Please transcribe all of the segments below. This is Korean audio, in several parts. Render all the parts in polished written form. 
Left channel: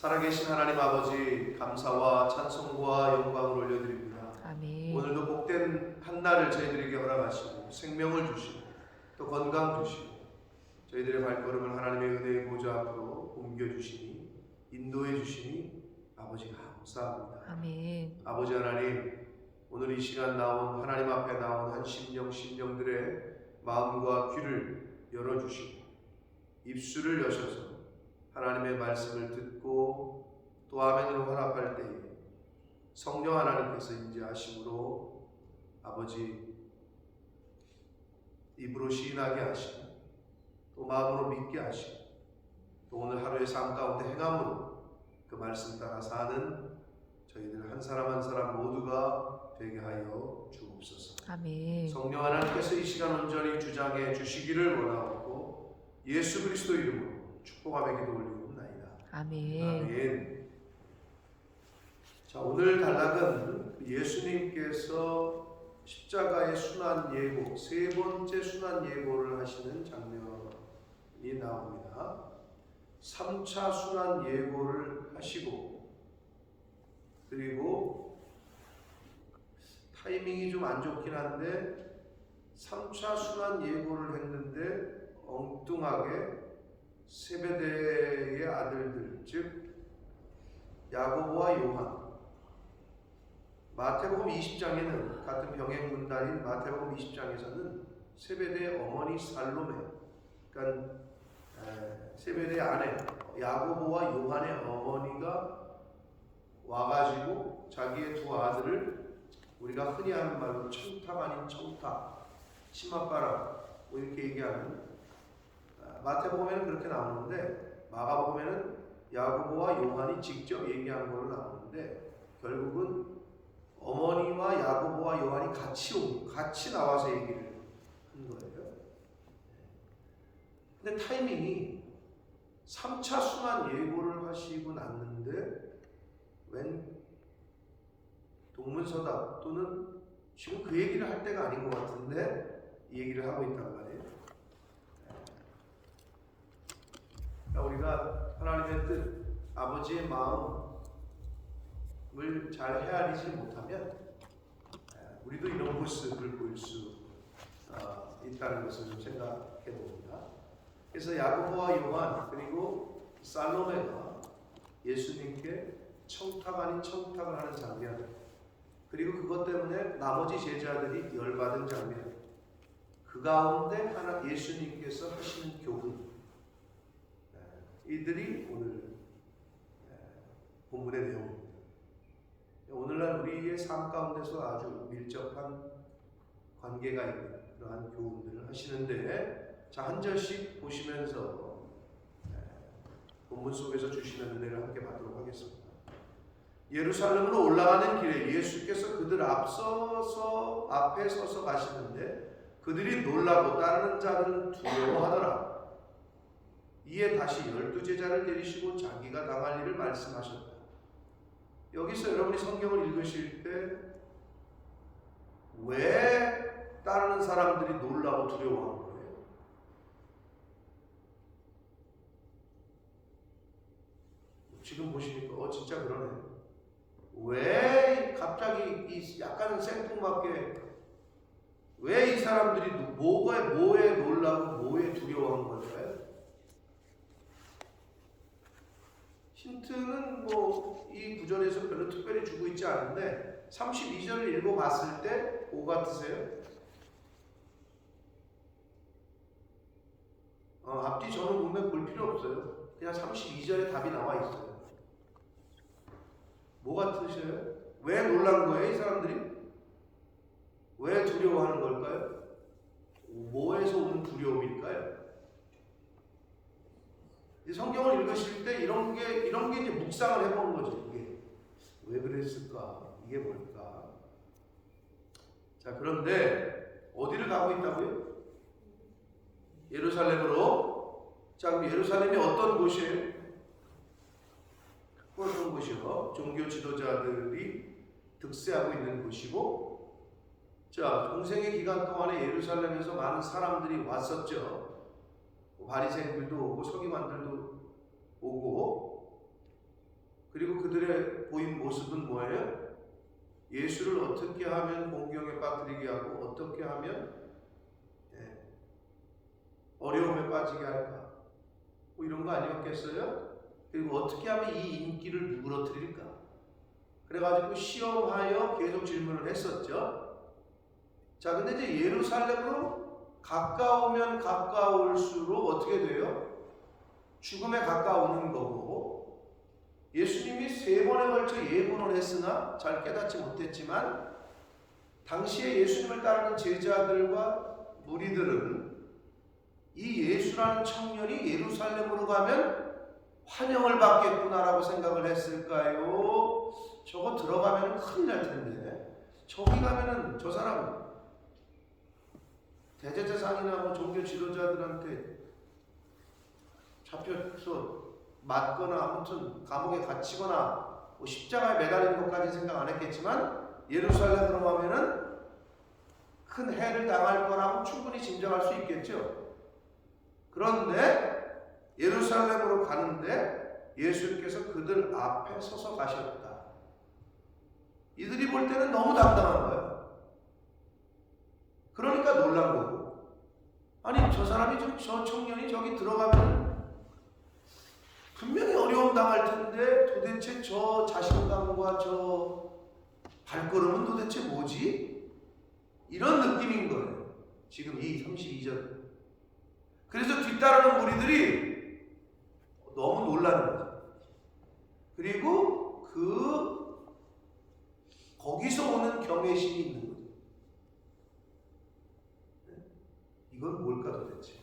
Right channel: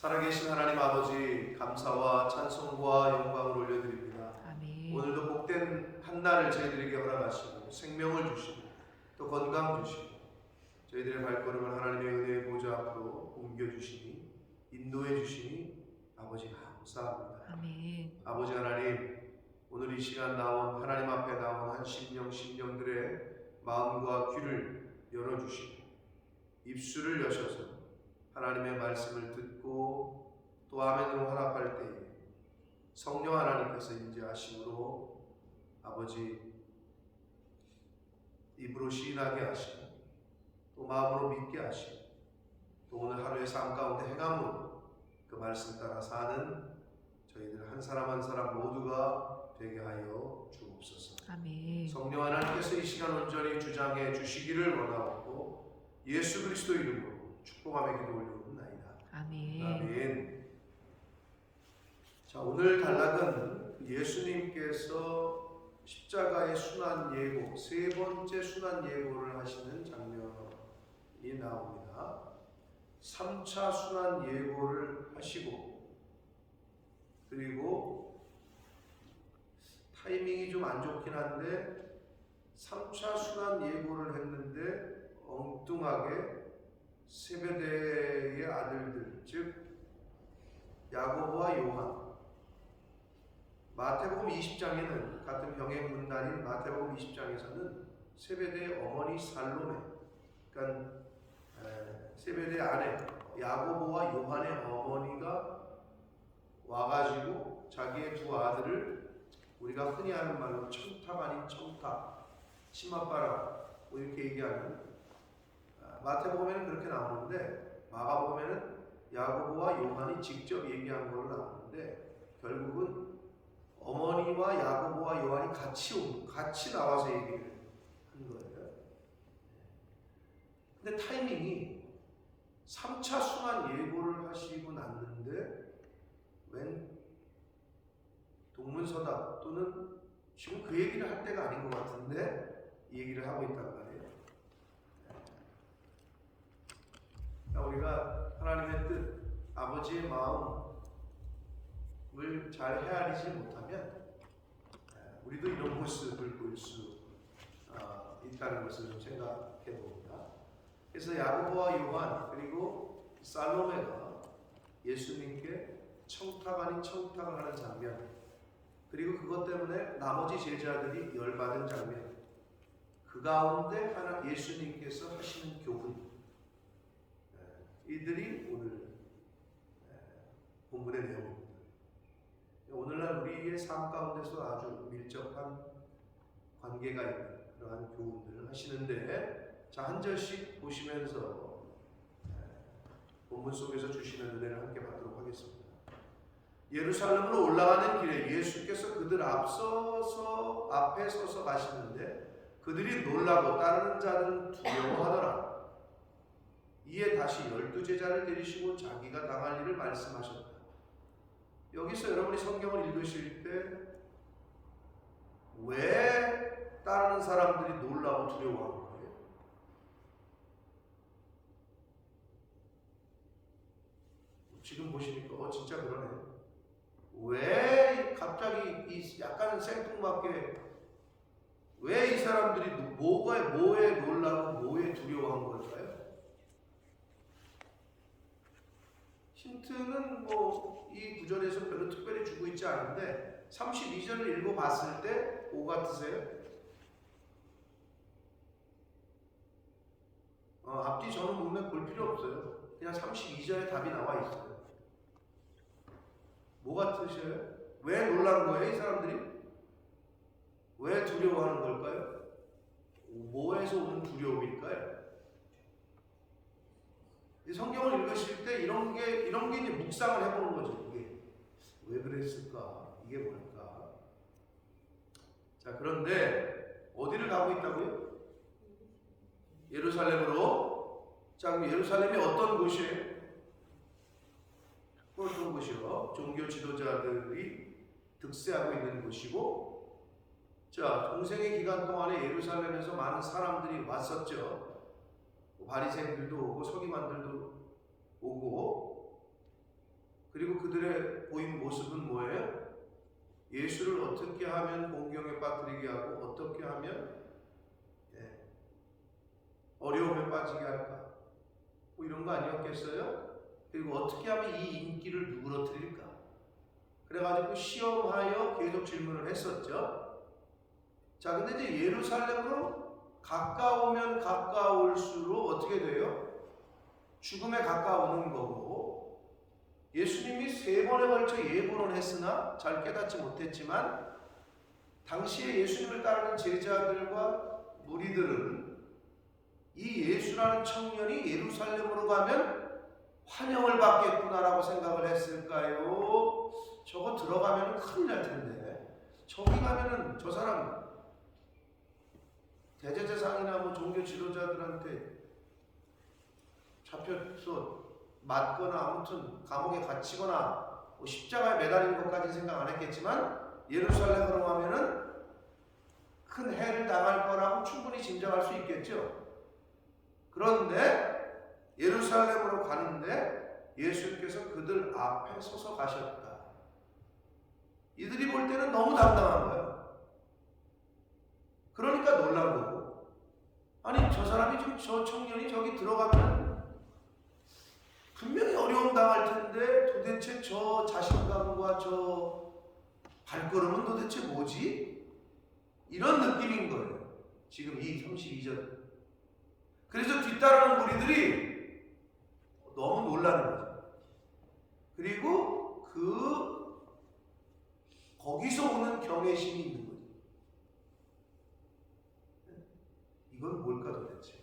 살아계신 하나님 아버지, 감사와 찬송과 영광을 올려드립니다. 아멘. 오늘도 복된 한날을 저희들에게 허락하시고 생명을 주시고 또 건강 주시고 저희들의 발걸음을 하나님의 은혜의 보좌 앞으로 옮겨주시니 인도해 주시니 아버지 감사합니다. 아멘. 아버지 하나님, 오늘 이 시간 나온 하나님 앞에 나온 한 심령들의 마음과 귀를 열어주시고 입술을 여셔서 하나님의 말씀을 듣고 또 아멘으로 화답할 때에 성령 하나님께서 인자하심으로 아버지 입으로 시인하게 하시고 또 마음으로 믿게 하시고 또 오늘 하루의 삶 가운데 행함으로 그 말씀 따라 사는 저희들 한 사람 한 사람 모두가 되게 하여 주옵소서. 아멘. 성령 하나님께서 이 시간 온전히 주장해 주시기를 원하옵고 예수 그리스도 이름으로 축복하며 기도 올리옵나이다. 아멘. 아멘. 자, 오늘 단락은 예수님께서 십자가의 순환 예고, 세 번째 순환 예고를 하시는 장면이 나옵니다. 3차 순환 예고를 하시고 그리고 타이밍이 좀 안 좋긴 한데 3차 순환 예고를 했는데 엉뚱하게 세베대의 아들들, 즉 야고보와 요한, 마태복음 20장에는 같은 병행 문단인 마태복음 20장에서는 세베대의 어머니 살로메, 그러니까 세베대의 아내 야고보와 요한의 어머니가 와가지고 자기의 두 아들을 우리가 흔히 하는 말로 청탁 아닌 청탁, 치맛바람 뭐 이렇게 얘기하는, 마태복음에는 그렇게 나오는데 마가복음에는 야고보와 요한이 직접 얘기한 걸로 나오는데 결국은 어머니와 야고보와 요한이 같이 나와서 얘기를 한 거예요. 근데 타이밍이 3차 순환 예고를 하시고 났는데 웬 동문서답 또는 지금 그 얘기를 할 때가 아닌 것 같은데 이 얘기를 하고 있단 말이에요. 그러니까 우리가 하나님의 뜻, 아버지의 마음을 잘 헤아리지 못하면 우리도 이런 모습을 볼 수 있다는 것을 좀 생각해 봅니다. 그래서 야고보와 요한 그리고 살로메가 예수님께 청탁 아닌 청탁을 하는 장면, 그리고 그것 때문에 나머지 제자들이 열받은 장면, 그 가운데 예수님께서 하시는 교훈, 이들이 오늘 본문의 내용입니다. 오늘날 우리의 삶 가운데서 아주 밀접한 관계가 있는 그러한 교훈들을 하시는데, 자, 한 절씩 보시면서 본문 속에서 주시는 은혜를 함께 받도록 하겠습니다. 예루살렘으로 올라가는 길에 예수께서 그들 앞에 서서 가시는데 그들이 놀라고 따르는 자들은 두려워하더라. 이에 다시 12제자를 데리시고 자기가 당할 일을 말씀하셨다. 여기서 여러분이 성경을 읽으실 때 왜 따르는 사람들이 놀라고 두려워한 거예요? 지금 보시니까 진짜 그러네. 왜 갑자기 약간 생뚱맞게 왜 이 사람들이 뭐에 놀라고 뭐에 두려워한 걸까요? 힌트는 이 구절에서 별로 특별히 주고 있지 않은데 32절을 읽어봤을 때 뭐 같으세요? 앞뒤 전후 문맥 볼 필요 없어요. 그냥 32절에 답이 나와 있어요. 뭐 같으셔요? 왜 놀란 거예요, 이 사람들이? 왜 두려워하는 걸까요? 뭐에서 오는 두려움일까요? 성경을 읽으실 때 이런 게 이제 묵상을 해보는 거죠. 이게 왜 그랬을까? 이게 뭘까? 자, 그런데 어디를 가고 있다고요? 예루살렘으로. 자, 그럼 예루살렘이 어떤 곳이에요? 어떤 곳이요? 종교 지도자들이 득세하고 있는 곳이고, 자, 공생의 기간 동안에 예루살렘에서 많은 사람들이 왔었죠. 바리새인들도 오고 서기관들도 오고, 보인 모습은 뭐예요? 예수를 어떻게 하면 공경에 빠뜨리게 하고 어떻게 하면 어려움에 빠지게 할까? 뭐 이런 거 아니었겠어요? 그리고 어떻게 하면 이 인기를 누그러뜨릴까? 그래가지고 시험하여 계속 질문을 했었죠. 자, 근데 이제 예루살렘으로 가까우면 가까울수록 어떻게 돼요? 죽음에 가까우는 거고, 예수님이 3번에 걸쳐 예고는 했으나 잘 깨닫지 못했지만 당시에 예수님을 따르는 제자들과 무리들은 이 예수라는 청년이 예루살렘으로 가면 환영을 받겠구나라고 생각을 했을까요? 저거 들어가면 큰일 날 텐데, 저기 가면은 저 사람 대제사장이나 뭐 종교 지도자들한테 잡혀서 맞거나 아무튼 감옥에 갇히거나 뭐 십자가에 매달리는 것까지 생각 안 했겠지만 예루살렘으로 가면은 큰 해를 당할 거라고 충분히 짐작할 수 있겠죠. 그런데 예루살렘으로 가는데 예수께서 그들 앞에 서서 가셨다. 이들이 볼 때는 너무 당당한 거예요. 그러니까 놀란 거고, 아니 저 사람이 저 청년이 저기 들어가면 분명히 어려움 당할 텐데 도대체 저 자신감과 저 발걸음은 도대체 뭐지? 이런 느낌인 거예요. 지금 이 32절. 그래서 뒤따르는 무리들이 너무 놀라는 거죠. 그리고 거기서 오는 경외심이 있는 거죠. 이건 뭘까 도대체?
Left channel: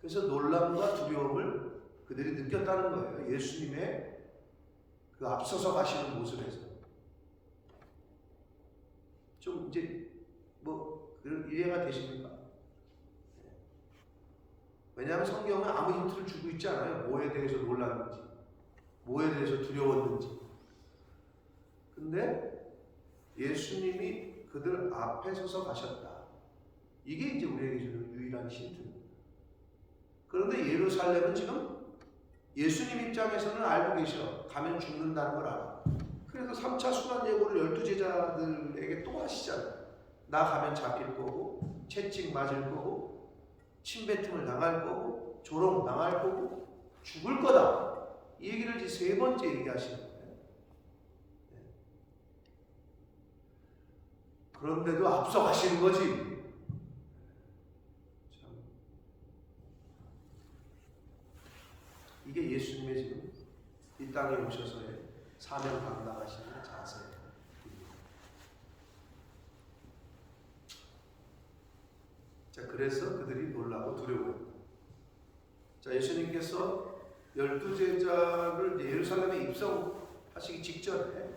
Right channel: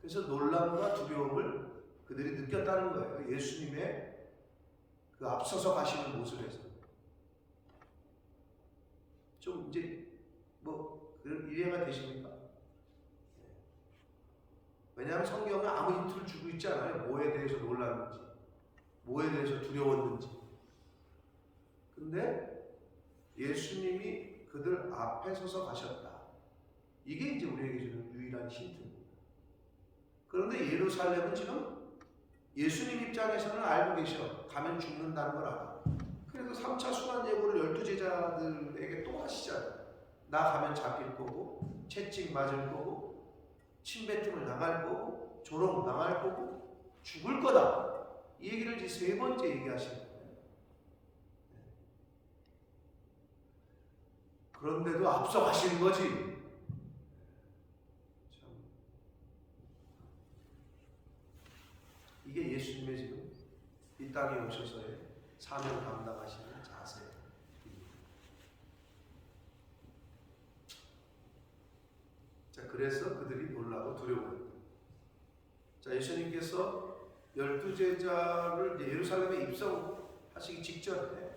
그래서 놀람과 두려움을 그들이 느꼈다는 거예요. 예수님의 그 앞서서 가시는 모습에서. 좀 이제 뭐 이해가 되십니까? 왜냐하면 성경은 아무 힌트를 주고 있지 않아요. 뭐에 대해서 놀랐는지, 뭐에 대해서 두려웠는지. 근데 예수님이 그들 앞에 서서 가셨다. 이게 이제 우리에게 주는 유일한 힌트입니다. 그런데 예루살렘은 지금 예수님 입장에서는 알고 계셔. 가면 죽는다는 걸 알아. 그래서 3차 순환 예고를 12제자들에게 또 하시잖아요. 나 가면 잡힐 거고, 채찍 맞을 거고, 침뱉음을 당할 거고, 조롱 당할 거고, 죽을 거다. 이 얘기를 이제 3번째 얘기하시는 거예요. 그런데도 앞서 가시는 거지. 이게 예수님의 지금 이 땅에 오셔서의 사명 감당하시는 자세입니다. 자, 그래서 그들이 놀라고 두려워했다. 자, 예수님께서 12제자를 예루살렘에 입성하시기 직전에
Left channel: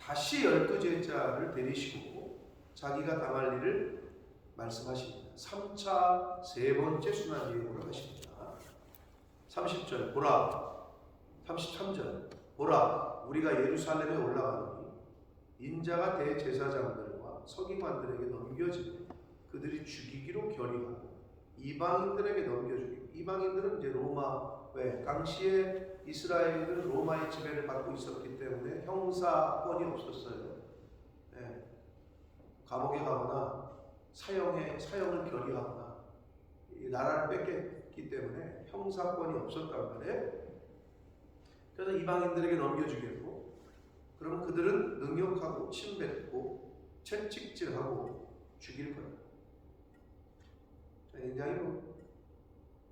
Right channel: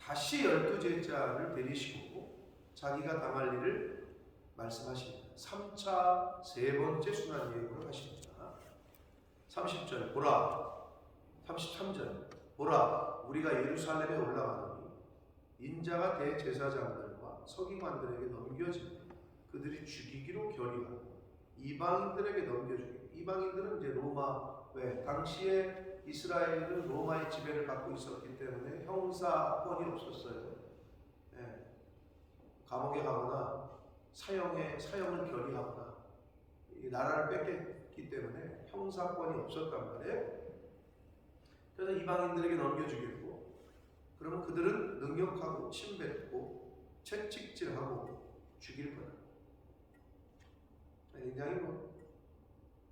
다시 12제자를 데리시고 자기가 당할 일을 말씀하십니다. 3차 3번째 순환 예고를 하십니다. 30절 보라, 33절 보라, 우리가 예루살렘에 올라가노니 인자가 대제사장들과 서기관들에게 넘겨지고 그들이 죽이기로 결의하고 이방인들에게 넘겨주기로. 이방인들은 이제 로마, 왜 당시에 이스라엘은 로마의 지배를 받고 있었기 때문에 형사권이 없었어요. 네. 감옥에 가거나 사형을 결의하거나 이 나라를 뺏겼기 때문에 형사권이 없었단 말이에요. 그래서 이방인들에게 넘겨주겠고, 그러면 그들은 능욕하고 침뱉고 채찍질하고 죽일 거다. 굉장히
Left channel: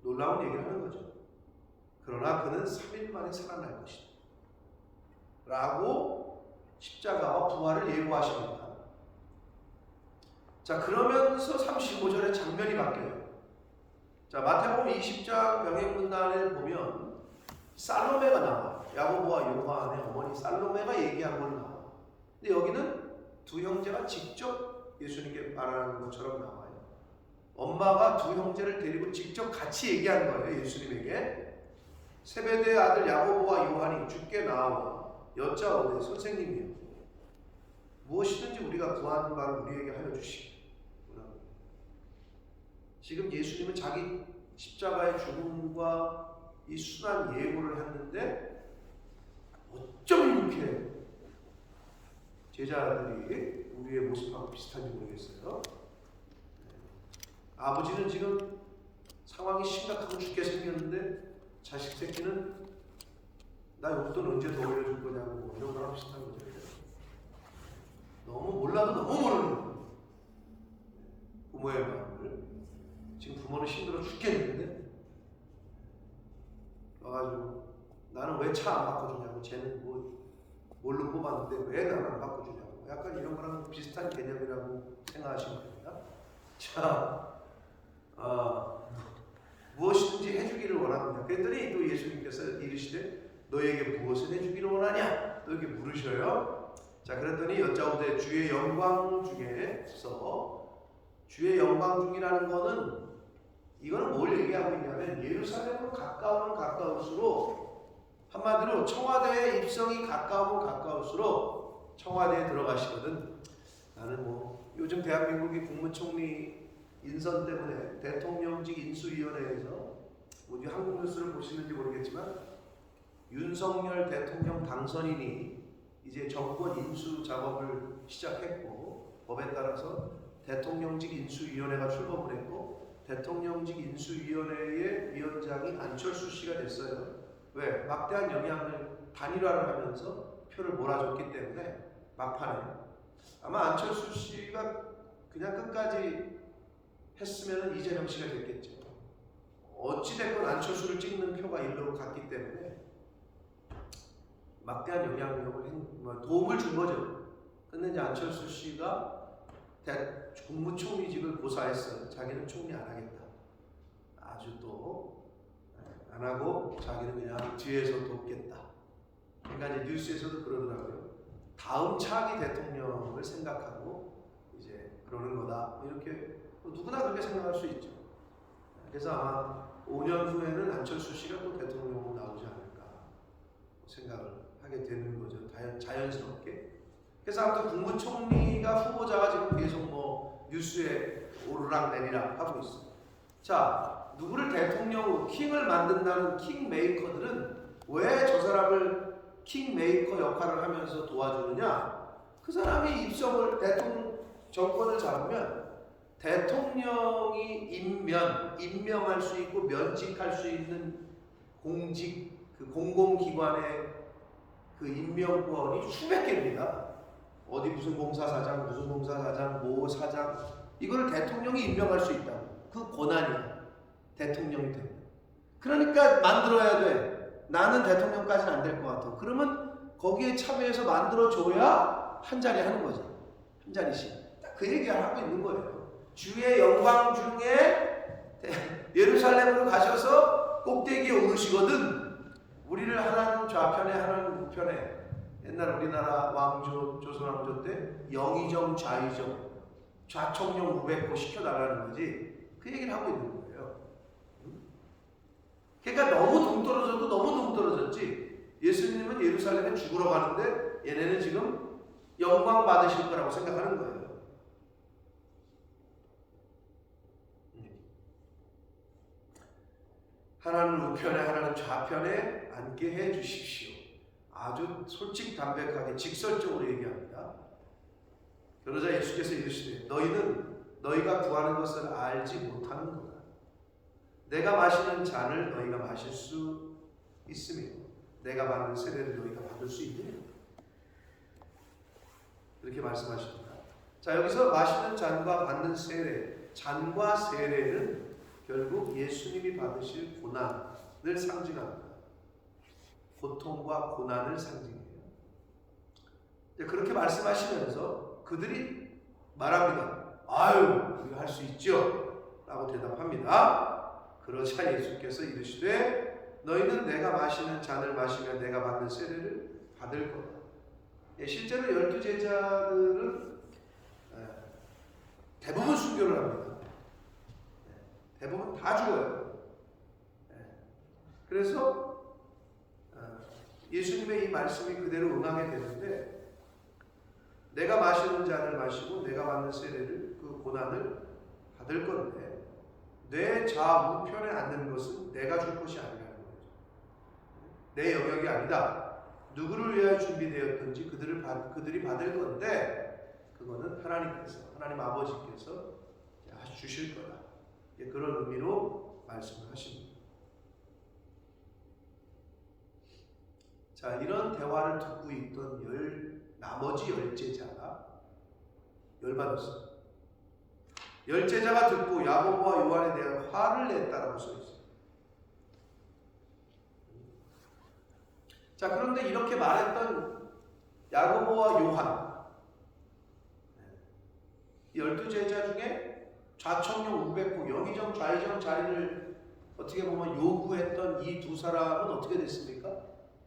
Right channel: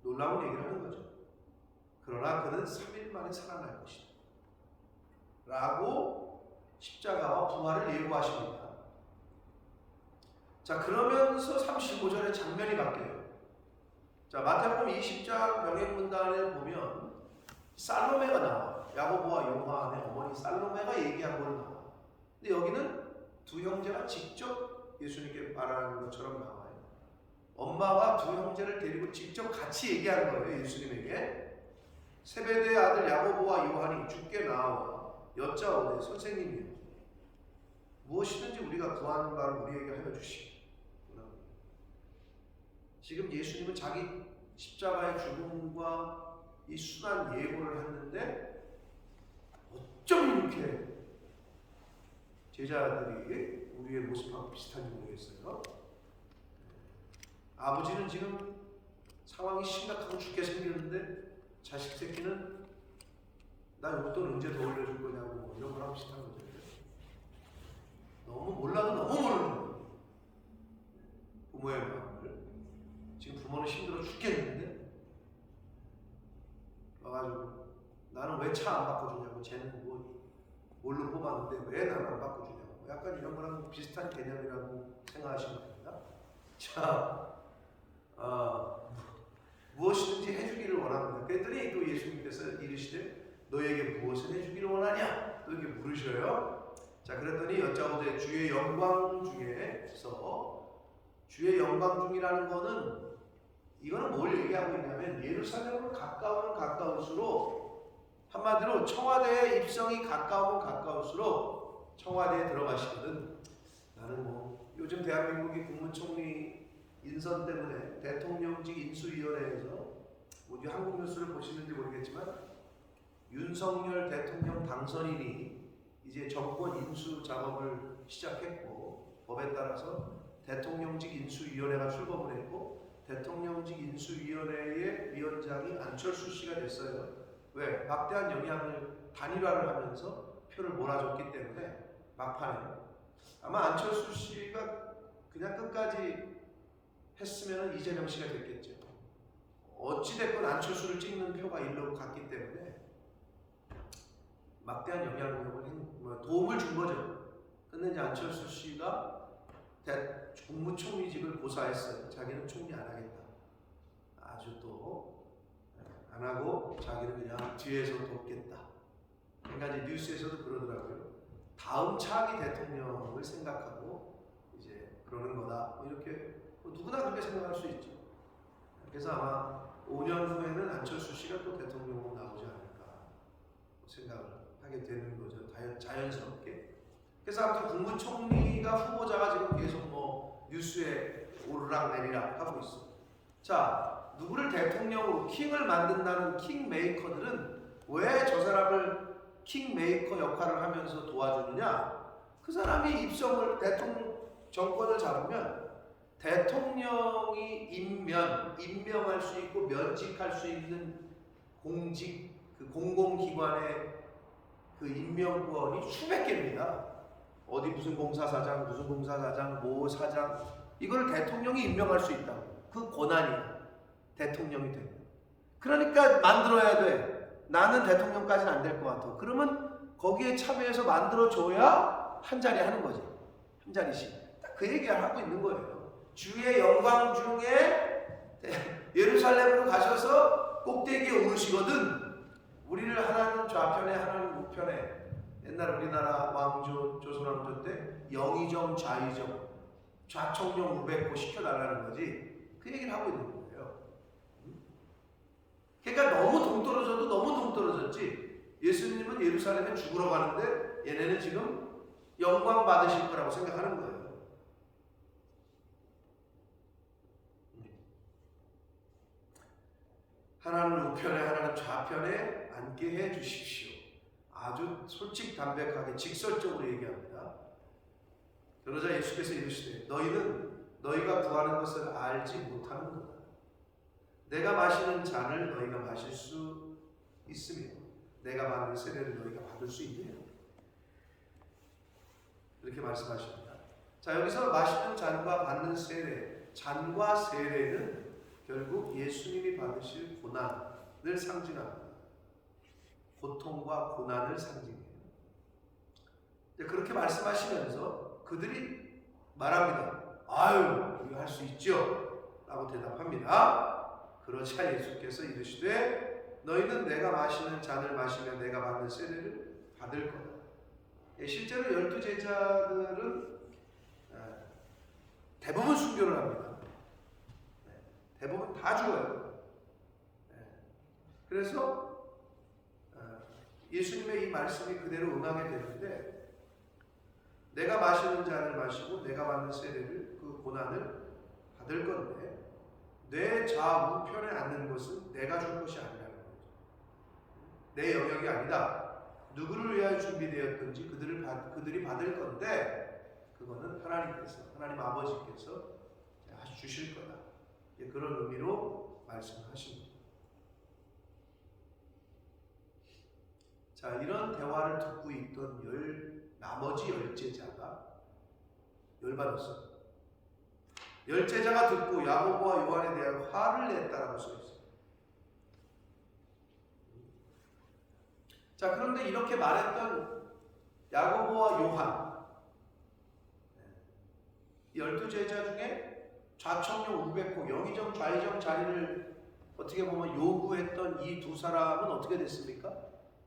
놀라운 얘기를 하는 거죠. 그러나 그는 3일 만에 살아날 것이다 라고 십자가와 부활을 예고하십니다. 자, 그러면서 35절에 장면이 바뀌어요. 자, 마태복음 20장 병행문단을 보면 살로메가 나와요. 야고보와 요한의 어머니 살로메가 얘기한 걸 나와요. 근데 여기는 두 형제가 직접 예수님께 말하는 것처럼 나와요. 엄마가 두 형제를 데리고 직접 같이 얘기한 거예요. 예수님에게. 세베대의 아들 야고보와 요한이 주께 나와 여짜오되 선생님이여, 무엇이든지 우리가 구하는 바를 우리에게 하여 주시기. 지금 예수님은 자기 십자가의 죽음과 이 순환 예고를 했는데 어쩜 이렇게 제자들이 우리의 모습하고 비슷한지 모르겠어요. 아버지는 지금 상황이 심각하고 죽게 생겼는데 자식 새끼는 나 용돈 언제 더 올려줄 거냐고 뭐 이런 거랑 비슷한 거죠. 너무 몰라도 너무 모르는 거예요. 부모의 마음을. 지금 부모는 힘들어 죽겠는데 와가지고 나는 왜 차 안 바꿔주냐고, 쟤는 뭘로 뽑았는데 왜 나는 안 바꿔주냐고, 약간 이런 거랑 비슷한 개념이라고 생각하시면 됩니다. 자, 무엇이든지 해주기를 원합니다. 그랬더니 또 예수님께서 이르시되 너에게 무엇을 해주기를 원하냐? 또 이렇게 물으셔요. 자, 그랬더니 여짜오되 주의 영광 중에서, 주의 영광 중이라는 거는 이거는 뭘 얘기하고 있냐면 예루살렘으로 가까우면 가까울수록, 한마디로 청와대에 입성이 가까우면 가까울수록 청와대에 들어가시거든. 나는 뭐 요즘 대한민국이 국무총리 인선 때문에 대통령직 인수위원회에서 뭐 한국 뉴스를 보시는지 모르겠지만 윤석열 대통령 당선인이 이제 정권 인수 작업을 시작했고, 법에 따라서 대통령직 인수위원회가 출범을 했고 대통령직 인수위원회의 위원장이 안철수 씨가 됐어요. 왜? 막대한 영향을 단일화를 하면서 표를 몰아줬기 때문에 막판에 아마 안철수 씨가 그냥 끝까지 했으면 이재명 씨가 됐겠죠. 어찌됐건 안철수를 찍는 표가 일로 갔기 때문에 막대한 영향력을 도움을 준 거죠. 근데 이제 안철수 씨가 국무총리직을 고사했어요. 자기는 총리 안 하겠다. 아주 또 안 하고 자기는 그냥 뒤에서 돕겠다. 그러니까 이제 뉴스에서도 그러더라고요. 다음 차기 대통령을 생각하고 이제 그러는 거다. 뭐 이렇게 누구나 그렇게 생각할 수 있죠. 그래서 아마 5년 후에는 안철수 씨가 또 대통령으로 나오지 않을까 생각을 하게 되는 거죠. 자연스럽게. 그래서 아무튼 국무총리가 후보자가 지금 계속 뭐 뉴스에 오르락 내리락 하고 있어. 자, 누구를 대통령으로 킹을 만든다는 킹메이커들은 왜 저 사람을 킹메이커 역할을 하면서 도와주느냐? 그 사람이 입성을 정권을 잡으면 대통령이 임명할 수 있고 면직할 수 있는 공직, 그 공공기관의 그 임명권이 수백 개입니다. 어디 무슨 공사사장, 모 사장, 이걸 대통령이 임명할 수 있다. 그 권한이야. 대통령이 되면. 그러니까 만들어야 돼. 나는 대통령까지는 안 될 것 같아. 그러면 거기에 참여해서 만들어줘야 한 자리 하는 거죠. 한 자리씩. 딱 그 얘기를 하고 있는 거예요. 주의 영광 중에 예루살렘으로 가셔서 꼭대기에 오르시거든. 우리를 하나는 좌편에 하나는 우편에. 옛날 우리나라 왕조, 조선왕조 때 영의정, 좌의정, 좌청령 우백호 시켜달라는 거지. 그 얘기를 하고 있는 거예요. 그러니까 너무 동떨어져도 너무 동떨어졌지. 예수님은 예루살렘에 죽으러 가는데 얘네는 지금 영광 받으실 거라고 생각하는 거예요. 하나는 우편에 하나는 좌편에 앉게 해 주십시오. 아주 솔직담백하게 직설적으로 얘기합니다. 그러자 예수께서 이르시되 너희는 너희가 구하는 것을 알지 못하는도다. 내가 마시는 잔을 너희가 마실 수 있으며 내가 받는 세례를 너희가 받을 수 있느냐. 이렇게 말씀하십니다. 자, 여기서 마시는 잔과 받는 세례, 잔과 세례는 결국 예수님이 받으실 고난을 상징합니다. 고통과 고난을 상징해요. 그렇게 말씀하시면서 그들이 말합니다. 아유, 우리가 할 수 있죠? 라고 대답합니다. 그러자 예수께서 이르시되 너희는 내가 마시는 잔을 마시며 내가 받는 세례를 받을 거다. 실제로 12제자들은 대부분 순교를 합니다. 대부분 다 죽어요. 그래서 예수님의 이 말씀이 그대로 응하게 되는데, 내가 마시는 잔을 마시고 내가 받는 세례를, 그 고난을 받을 건데 내 좌우편에 앉는 것은 내가 줄 것이 아니라는 거죠. 내 영역이 아니다. 누구를 위하여 준비되었든지 그들이 받을 건데 그거는 하나님 아버지께서 주실 거다. 그런 의미로 말씀을 하십니다. 자, 이런 대화를 듣고 있던 나머지 10제자가 열받았어요. 10제자가 듣고 야고보와 요한에 대한 화를 냈다라고 써 있어요. 자, 그런데 이렇게 말했던 야고보와 요한, 12제자 중에 좌청룡 우백호, 영의정 좌의정 자리를 어떻게 보면 요구했던 이 두 사람은 어떻게 됐습니까?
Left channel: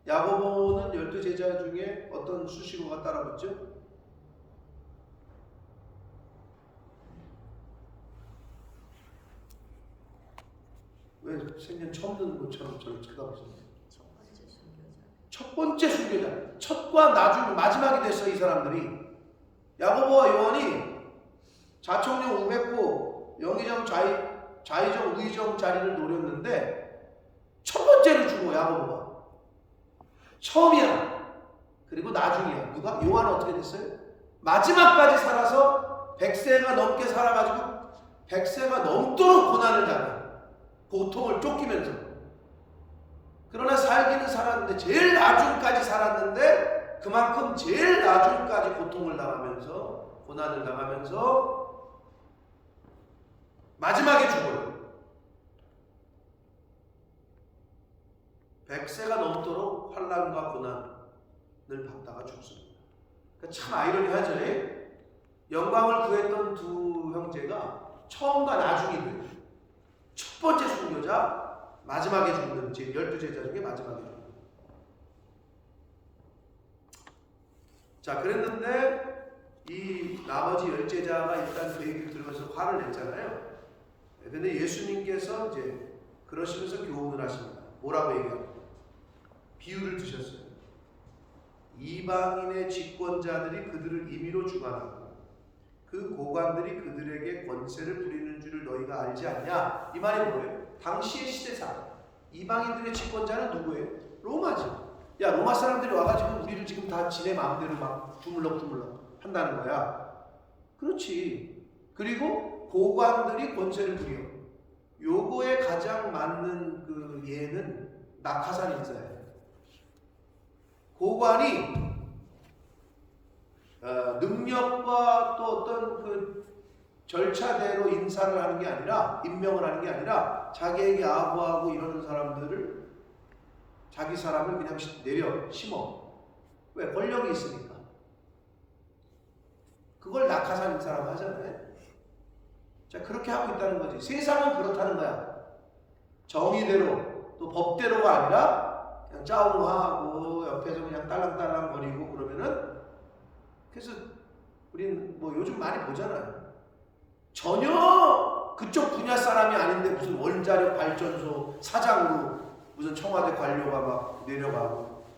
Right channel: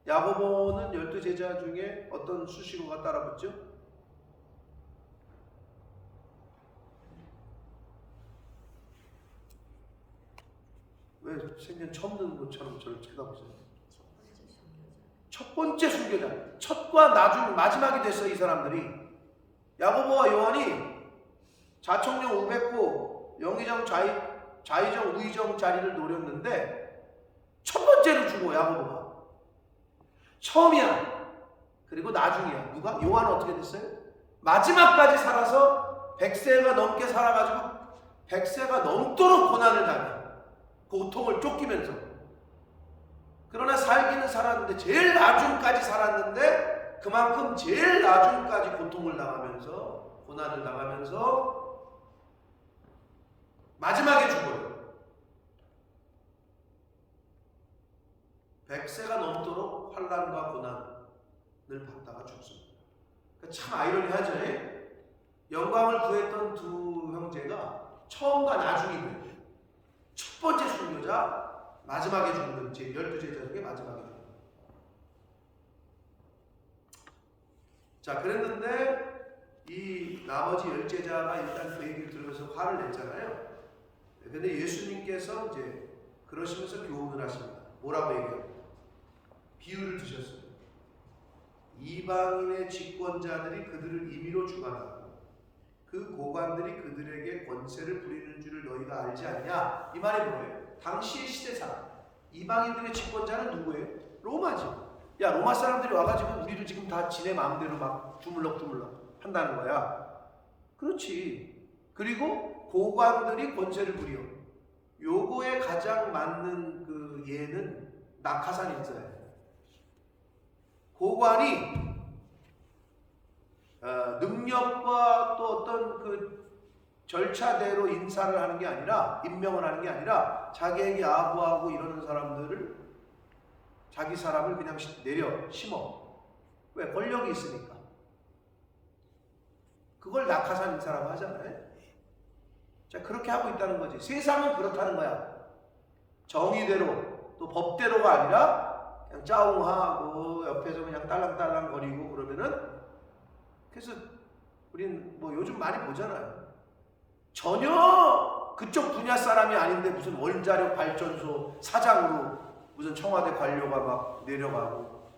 야고보는 12제자 중에 어떤 수식어가 따라붙죠? 왜 생전 처음 듣는 것처럼 저를 쳐다보세요? 첫 번째 순교자. 첫과 마지막이 됐어. 이 사람들이. 야고보와 요한이 좌청룡 우백호, 영의정 좌의정 우의정 자리를 노렸는데 첫 번째를 주고 야고보가 처음이야. 그리고 나중이야. 누가? 요한은 어떻게 됐어요? 마지막까지 살아서 100세가 넘게 살아가지고 100세가 넘도록 고난을 당해. 고통을 쫓기면서. 그러나 살기는 살았는데 제일 나중까지 살았는데 그만큼 제일 나중까지 고통을 당하면서 고난을 당하면서 마지막에 죽어요. 100세가 넘도록 환난과 고난을 받다가 죽습니다. 그러니까 참 아이러니하죠. 영광을 구했던 두 형제가 처음과 나중이 돼요. 첫 번째 순교자, 마지막에 죽는 12제자 중에 마지막에 죽는. 자, 그랬는데 이 나머지 10제자가 일단 그 얘기를 들으면서 화를 냈잖아요. 근데 예수님께서 이제 그러시면서 교훈을 하십니다. 뭐라고 얘기합니까? 비유를 드셨어요. 이방인의 집권자들이 그들을 임의로 주관하고 그 고관들이 그들에게 권세를 부리는 줄을 너희가 알지 않냐? 이 말이 뭐예요? 당시의 시대상 이방인들의 집권자는 누구예요? 로마죠. 야, 로마 사람들이 와가지고 우리를 지금 다 지네 마음대로 막 주물럭주물럭 한다는 거야. 그렇지. 그리고 고관들이 권세를 부려. 요거에 가장 맞는 그 예는 낙하산 인사예요. 고관이 능력과 또 어떤 그 절차대로 인사를 하는 게 아니라, 임명을 하는 게 아니라 자기에게 아부하고 이러는 사람들을, 자기 사람을 그냥 내려 심어. 왜? 권력이 있으니까. 그걸 낙하산 인사라고 하잖아요. 자, 그렇게 하고 있다는 거지. 세상은 그렇다는 거야. 정의대로, 또 법대로가 아니라 그냥 짜웅하고 옆에서 그냥 딸랑딸랑 거리고 그러면은, 그래서 우린 뭐 요즘 많이 보잖아요. 전혀 그쪽 분야 사람이 아닌데 무슨 원자력 발전소 사장으로 무슨 청와대 관료가 막 내려가고.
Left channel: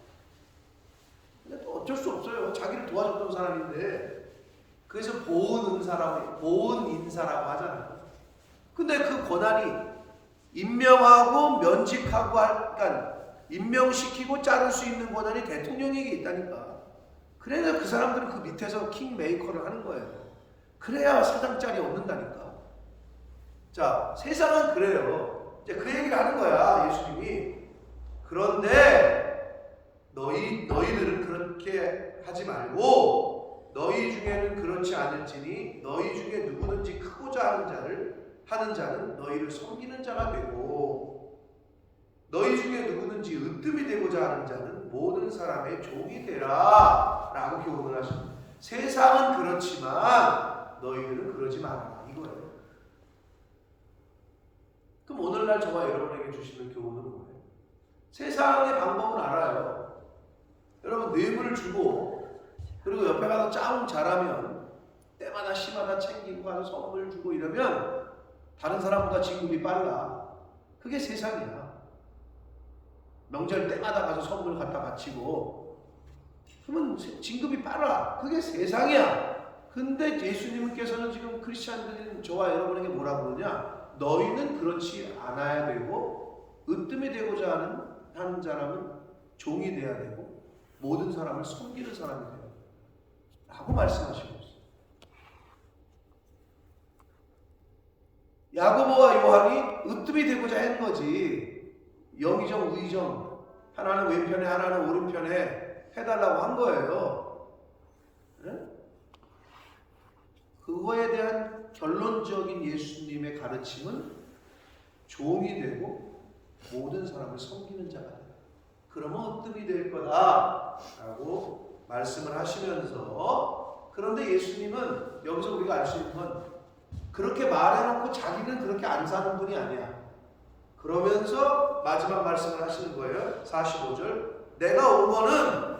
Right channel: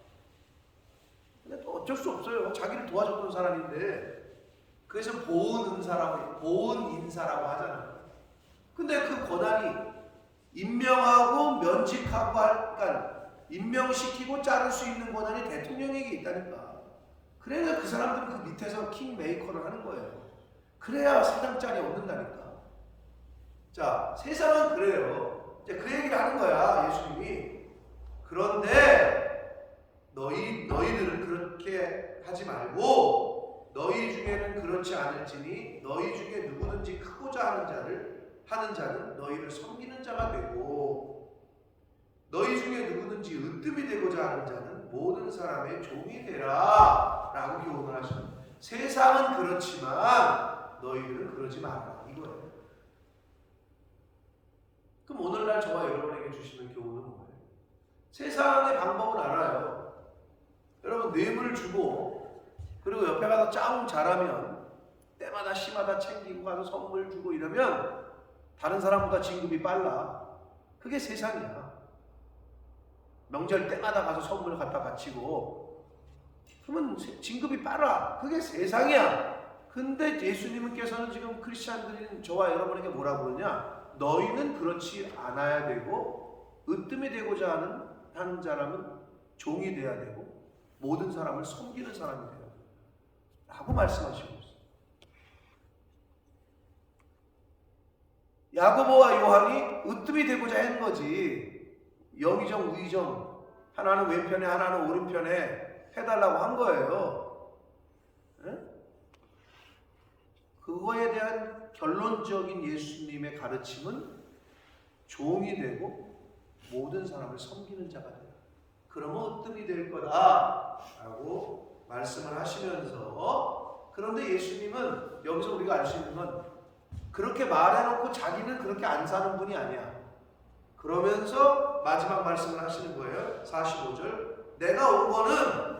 근데 또 어쩔 수 없어요. 자기를 도와줬던 사람인데. 그래서 보은 인사라고 하잖아요. 근데 그 권한이 임명하고 면직하고 그러니까 임명시키고 자를 수 있는 권한이 대통령에게 있다니까. 그래야 그 사람들은 그 밑에서 킹메이커를 하는 거예요. 그래야 사장짜리 얻는다니까. 자, 세상은 그래요. 이제 그 얘기를 하는 거야, 예수님이. 그런데 너희들은 그렇게 하지 말고 너희 중에는 그렇지 않을지니 너희 중에 누구든지 크고자 하는 자는 너희를 섬기는 자가 되고 너희 중에 누구든지 으뜸이 되고자 하는 자는 모든 사람의 종이 되라 라고 교훈을 하십니다. 세상은 그렇지만 너희들은 그러지 마라 이거예요. 그럼 오늘날 저와 여러분에게 주시는 교훈은 뭐예요? 세상의 방법은 알아요. 여러분 뇌물을 주고 그리고 옆에 가서 짜웅 잘하면 때마다 시마다 챙기고 가서 선물 주고 이러면 다른 사람보다 진급이 빨라. 그게 세상이야. 명절 때마다 가서 선물 갖다 바치고 그러면 진급이 빨라. 그게 세상이야. 근데 예수님께서는 지금 크리스찬들인 저와 여러분에게 뭐라고 그러냐? 너희는 그렇지 않아야 되고 으뜸이 되고자 하는 사람은 종이 돼야 되고 모든 사람을 섬기는 사람이 되라 라고 말씀하시고 있어요. 야고보와 요한이 으뜸이 되고자 한 거지, 영의정 우의정 하나는 왼편에 하나는 오른편에 해달라고 한 거예요. 네? 그거에 대한 결론적인 예수님의 가르침은 종이 되고 모든 사람을 섬기는 자가 되라. 그러면 으뜸이 될 거다라고 말씀을 하시면서, 그런데 예수님은 여기서 우리가 알 수 있는 건 그렇게 말해놓고 자기는 그렇게 안 사는 분이 아니야. 그러면서 마지막 말씀을 하시는 거예요. 45절. 내가 온 거는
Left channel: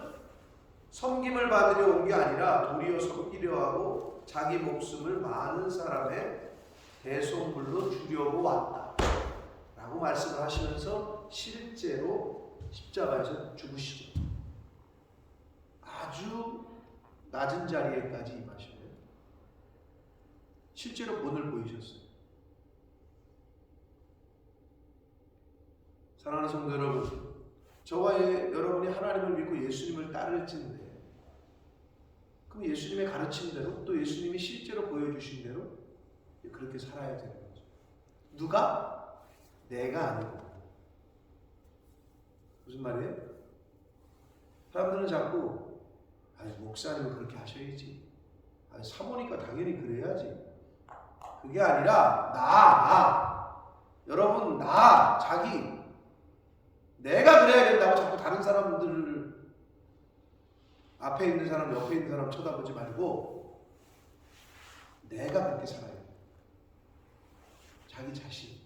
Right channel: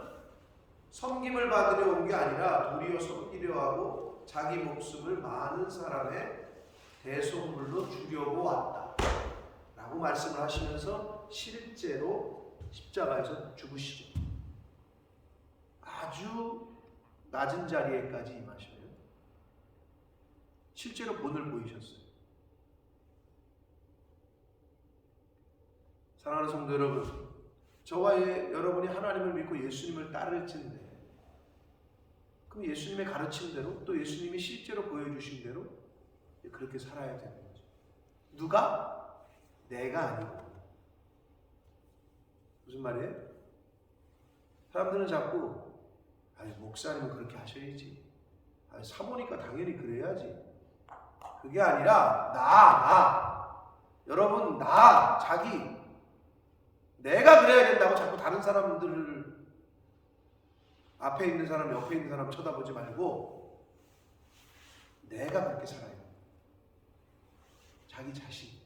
섬김을 받으려 온 게 아니라 도리어 섬기려 하고 자기 목숨을 많은 사람의 대속물로 주려고 왔다 라고 말씀을 하시면서 실제로 십자가에서 죽으시죠. 아주 낮은 자리에까지 임하시는, 실제로 본을 보이셨어요. 사랑하는 성도 여러분, 저와 여러분이 하나님을 믿고 예수님을 따를진데, 그럼 예수님의 가르침대로 또 예수님이 실제로 보여주신 대로 그렇게 살아야 되는 거죠. 누가? 내가 아니고. 무슨 말이에요? 사람들은 자꾸 목사님은 그렇게 하셔야지, 사모니까 당연히 그래야지. 그게 아니라 나 여러분, 자기 내가 그래야 된다고 자꾸 다른 사람들을, 앞에 있는 사람 옆에 있는 사람 쳐다보지 말고 내가 그렇게 살아야 돼. 자기 자신.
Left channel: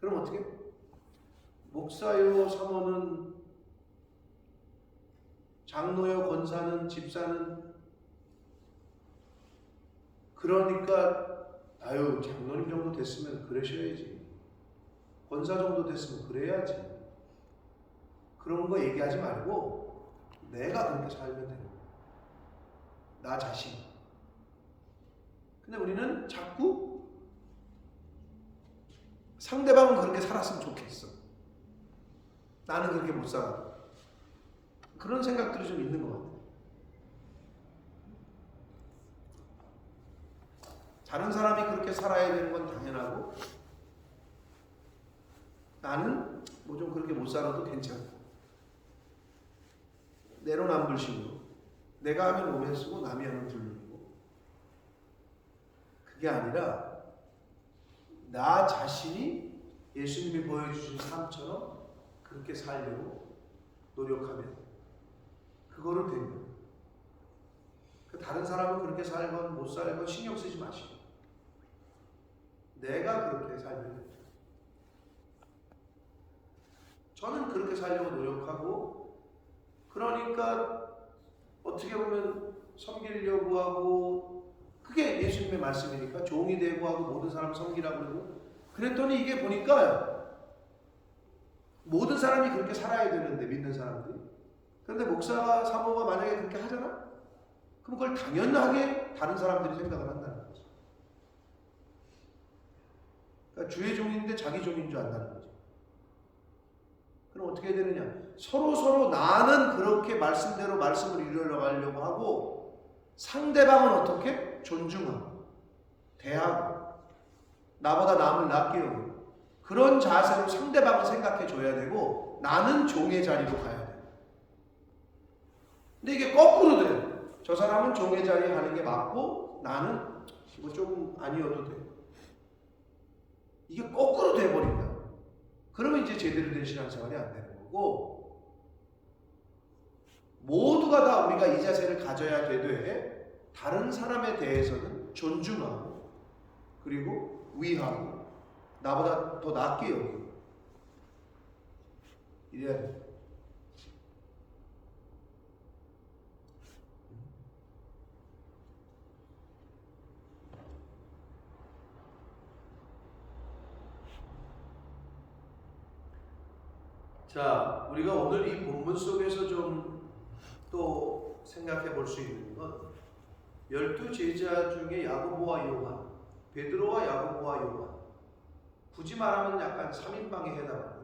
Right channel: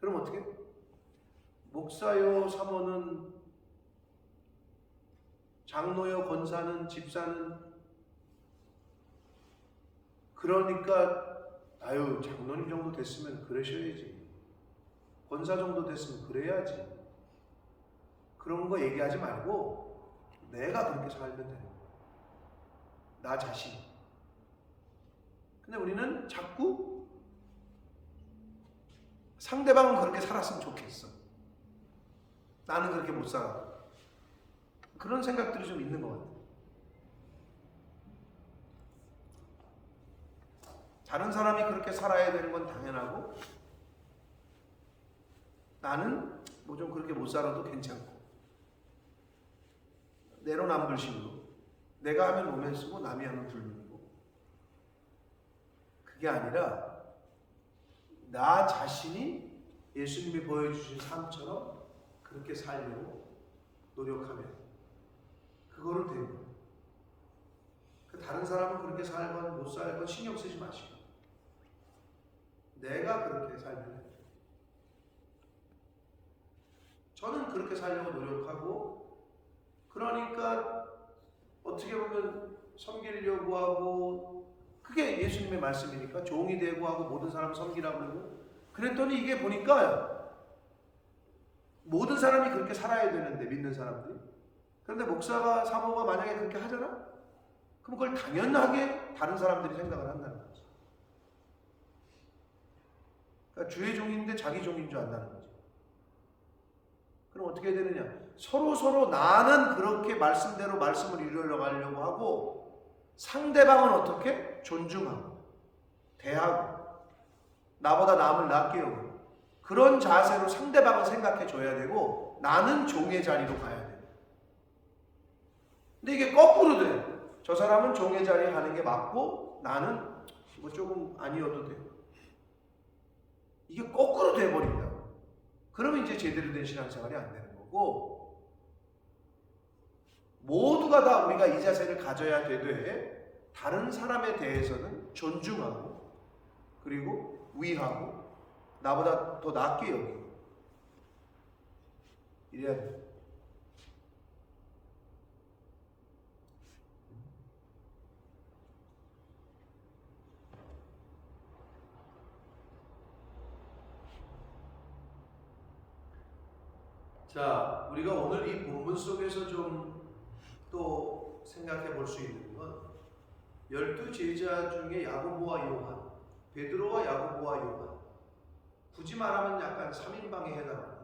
그럼 어떻게? 목사요, 사모는, 장로요, 권사는, 집사는, 그러니까 장로님 정도 됐으면 그러셔야지, 권사 정도 됐으면 그래야지, 그런 거 얘기하지 말고 내가 그렇게 살면 되는 거야. 나 자신. 근데 우리는 자꾸 상대방은 그렇게 살았으면 좋겠어, 나는 그렇게 못 살아, 그런 생각들이 좀 있는 것 같아요. 다른 사람이 그렇게 살아야 되는 건 당연하고 나는 뭐 좀 그렇게 못 살아도 괜찮고, 내로남불식으로 내가 하면 오면 쓰고 남이 하면 불르고, 그게 아니라 나 자신이 예수님이 보여주신 삶처럼 그렇게 살려고 노력하면 그거로 된 거예요. 다른 사람은 그렇게 살건 못 살건 신경 쓰지 마시고 내가 그렇게 살면 됩니다. 저는 그렇게 살려고 노력하고, 그러니까 어떻게 보면 섬기려고 하고, 그게 예수님의 말씀이니까 종이 되고 하고 모든 사람 섬기라고 그러고, 그랬더니 이게 보니까 모든 사람이 그렇게 살아야 되는데, 믿는 사람들이. 그런데 목사가, 사모가 만약에 그렇게 하잖아? 그럼 그걸 당연하게 다른 사람들이 생각을 한다는 거지. 그러니까 주의 종인데 자기 종인 줄 안다는 거지. 그럼 어떻게 해야 되느냐? 서로 나는 그렇게 말씀대로 말씀을 이루려고 하고, 상대방은 어떻게? 존중하고 대하고 나보다 남을 낮게 여기고, 그런 자세로 상대방을 생각해 줘야 되고, 나는 종의 자리로 가야 돼. 근데 이게 거꾸로 돼. 저 사람은 종의 자리에 가는 게 맞고 나는 뭐 조금 아니어도 돼. 이게 거꾸로 돼버린다. 그러면 이제 제대로 된 신앙생활이 안 되는 거고, 모두가 다 우리가 이 자세를 가져야 되되, 다른 사람에 대해서는 존중하고 그리고 위하고 나보다 더 낫게 여기고 이래야 돼. 자, 우리가 오늘 이 본문 속에서 좀 또 생각해 볼 수 있는 건, 12 제자 중에 야고보와 요한, 베드로와 야고보와 요한, 굳이 말하면 약간 3인방에 해당하는.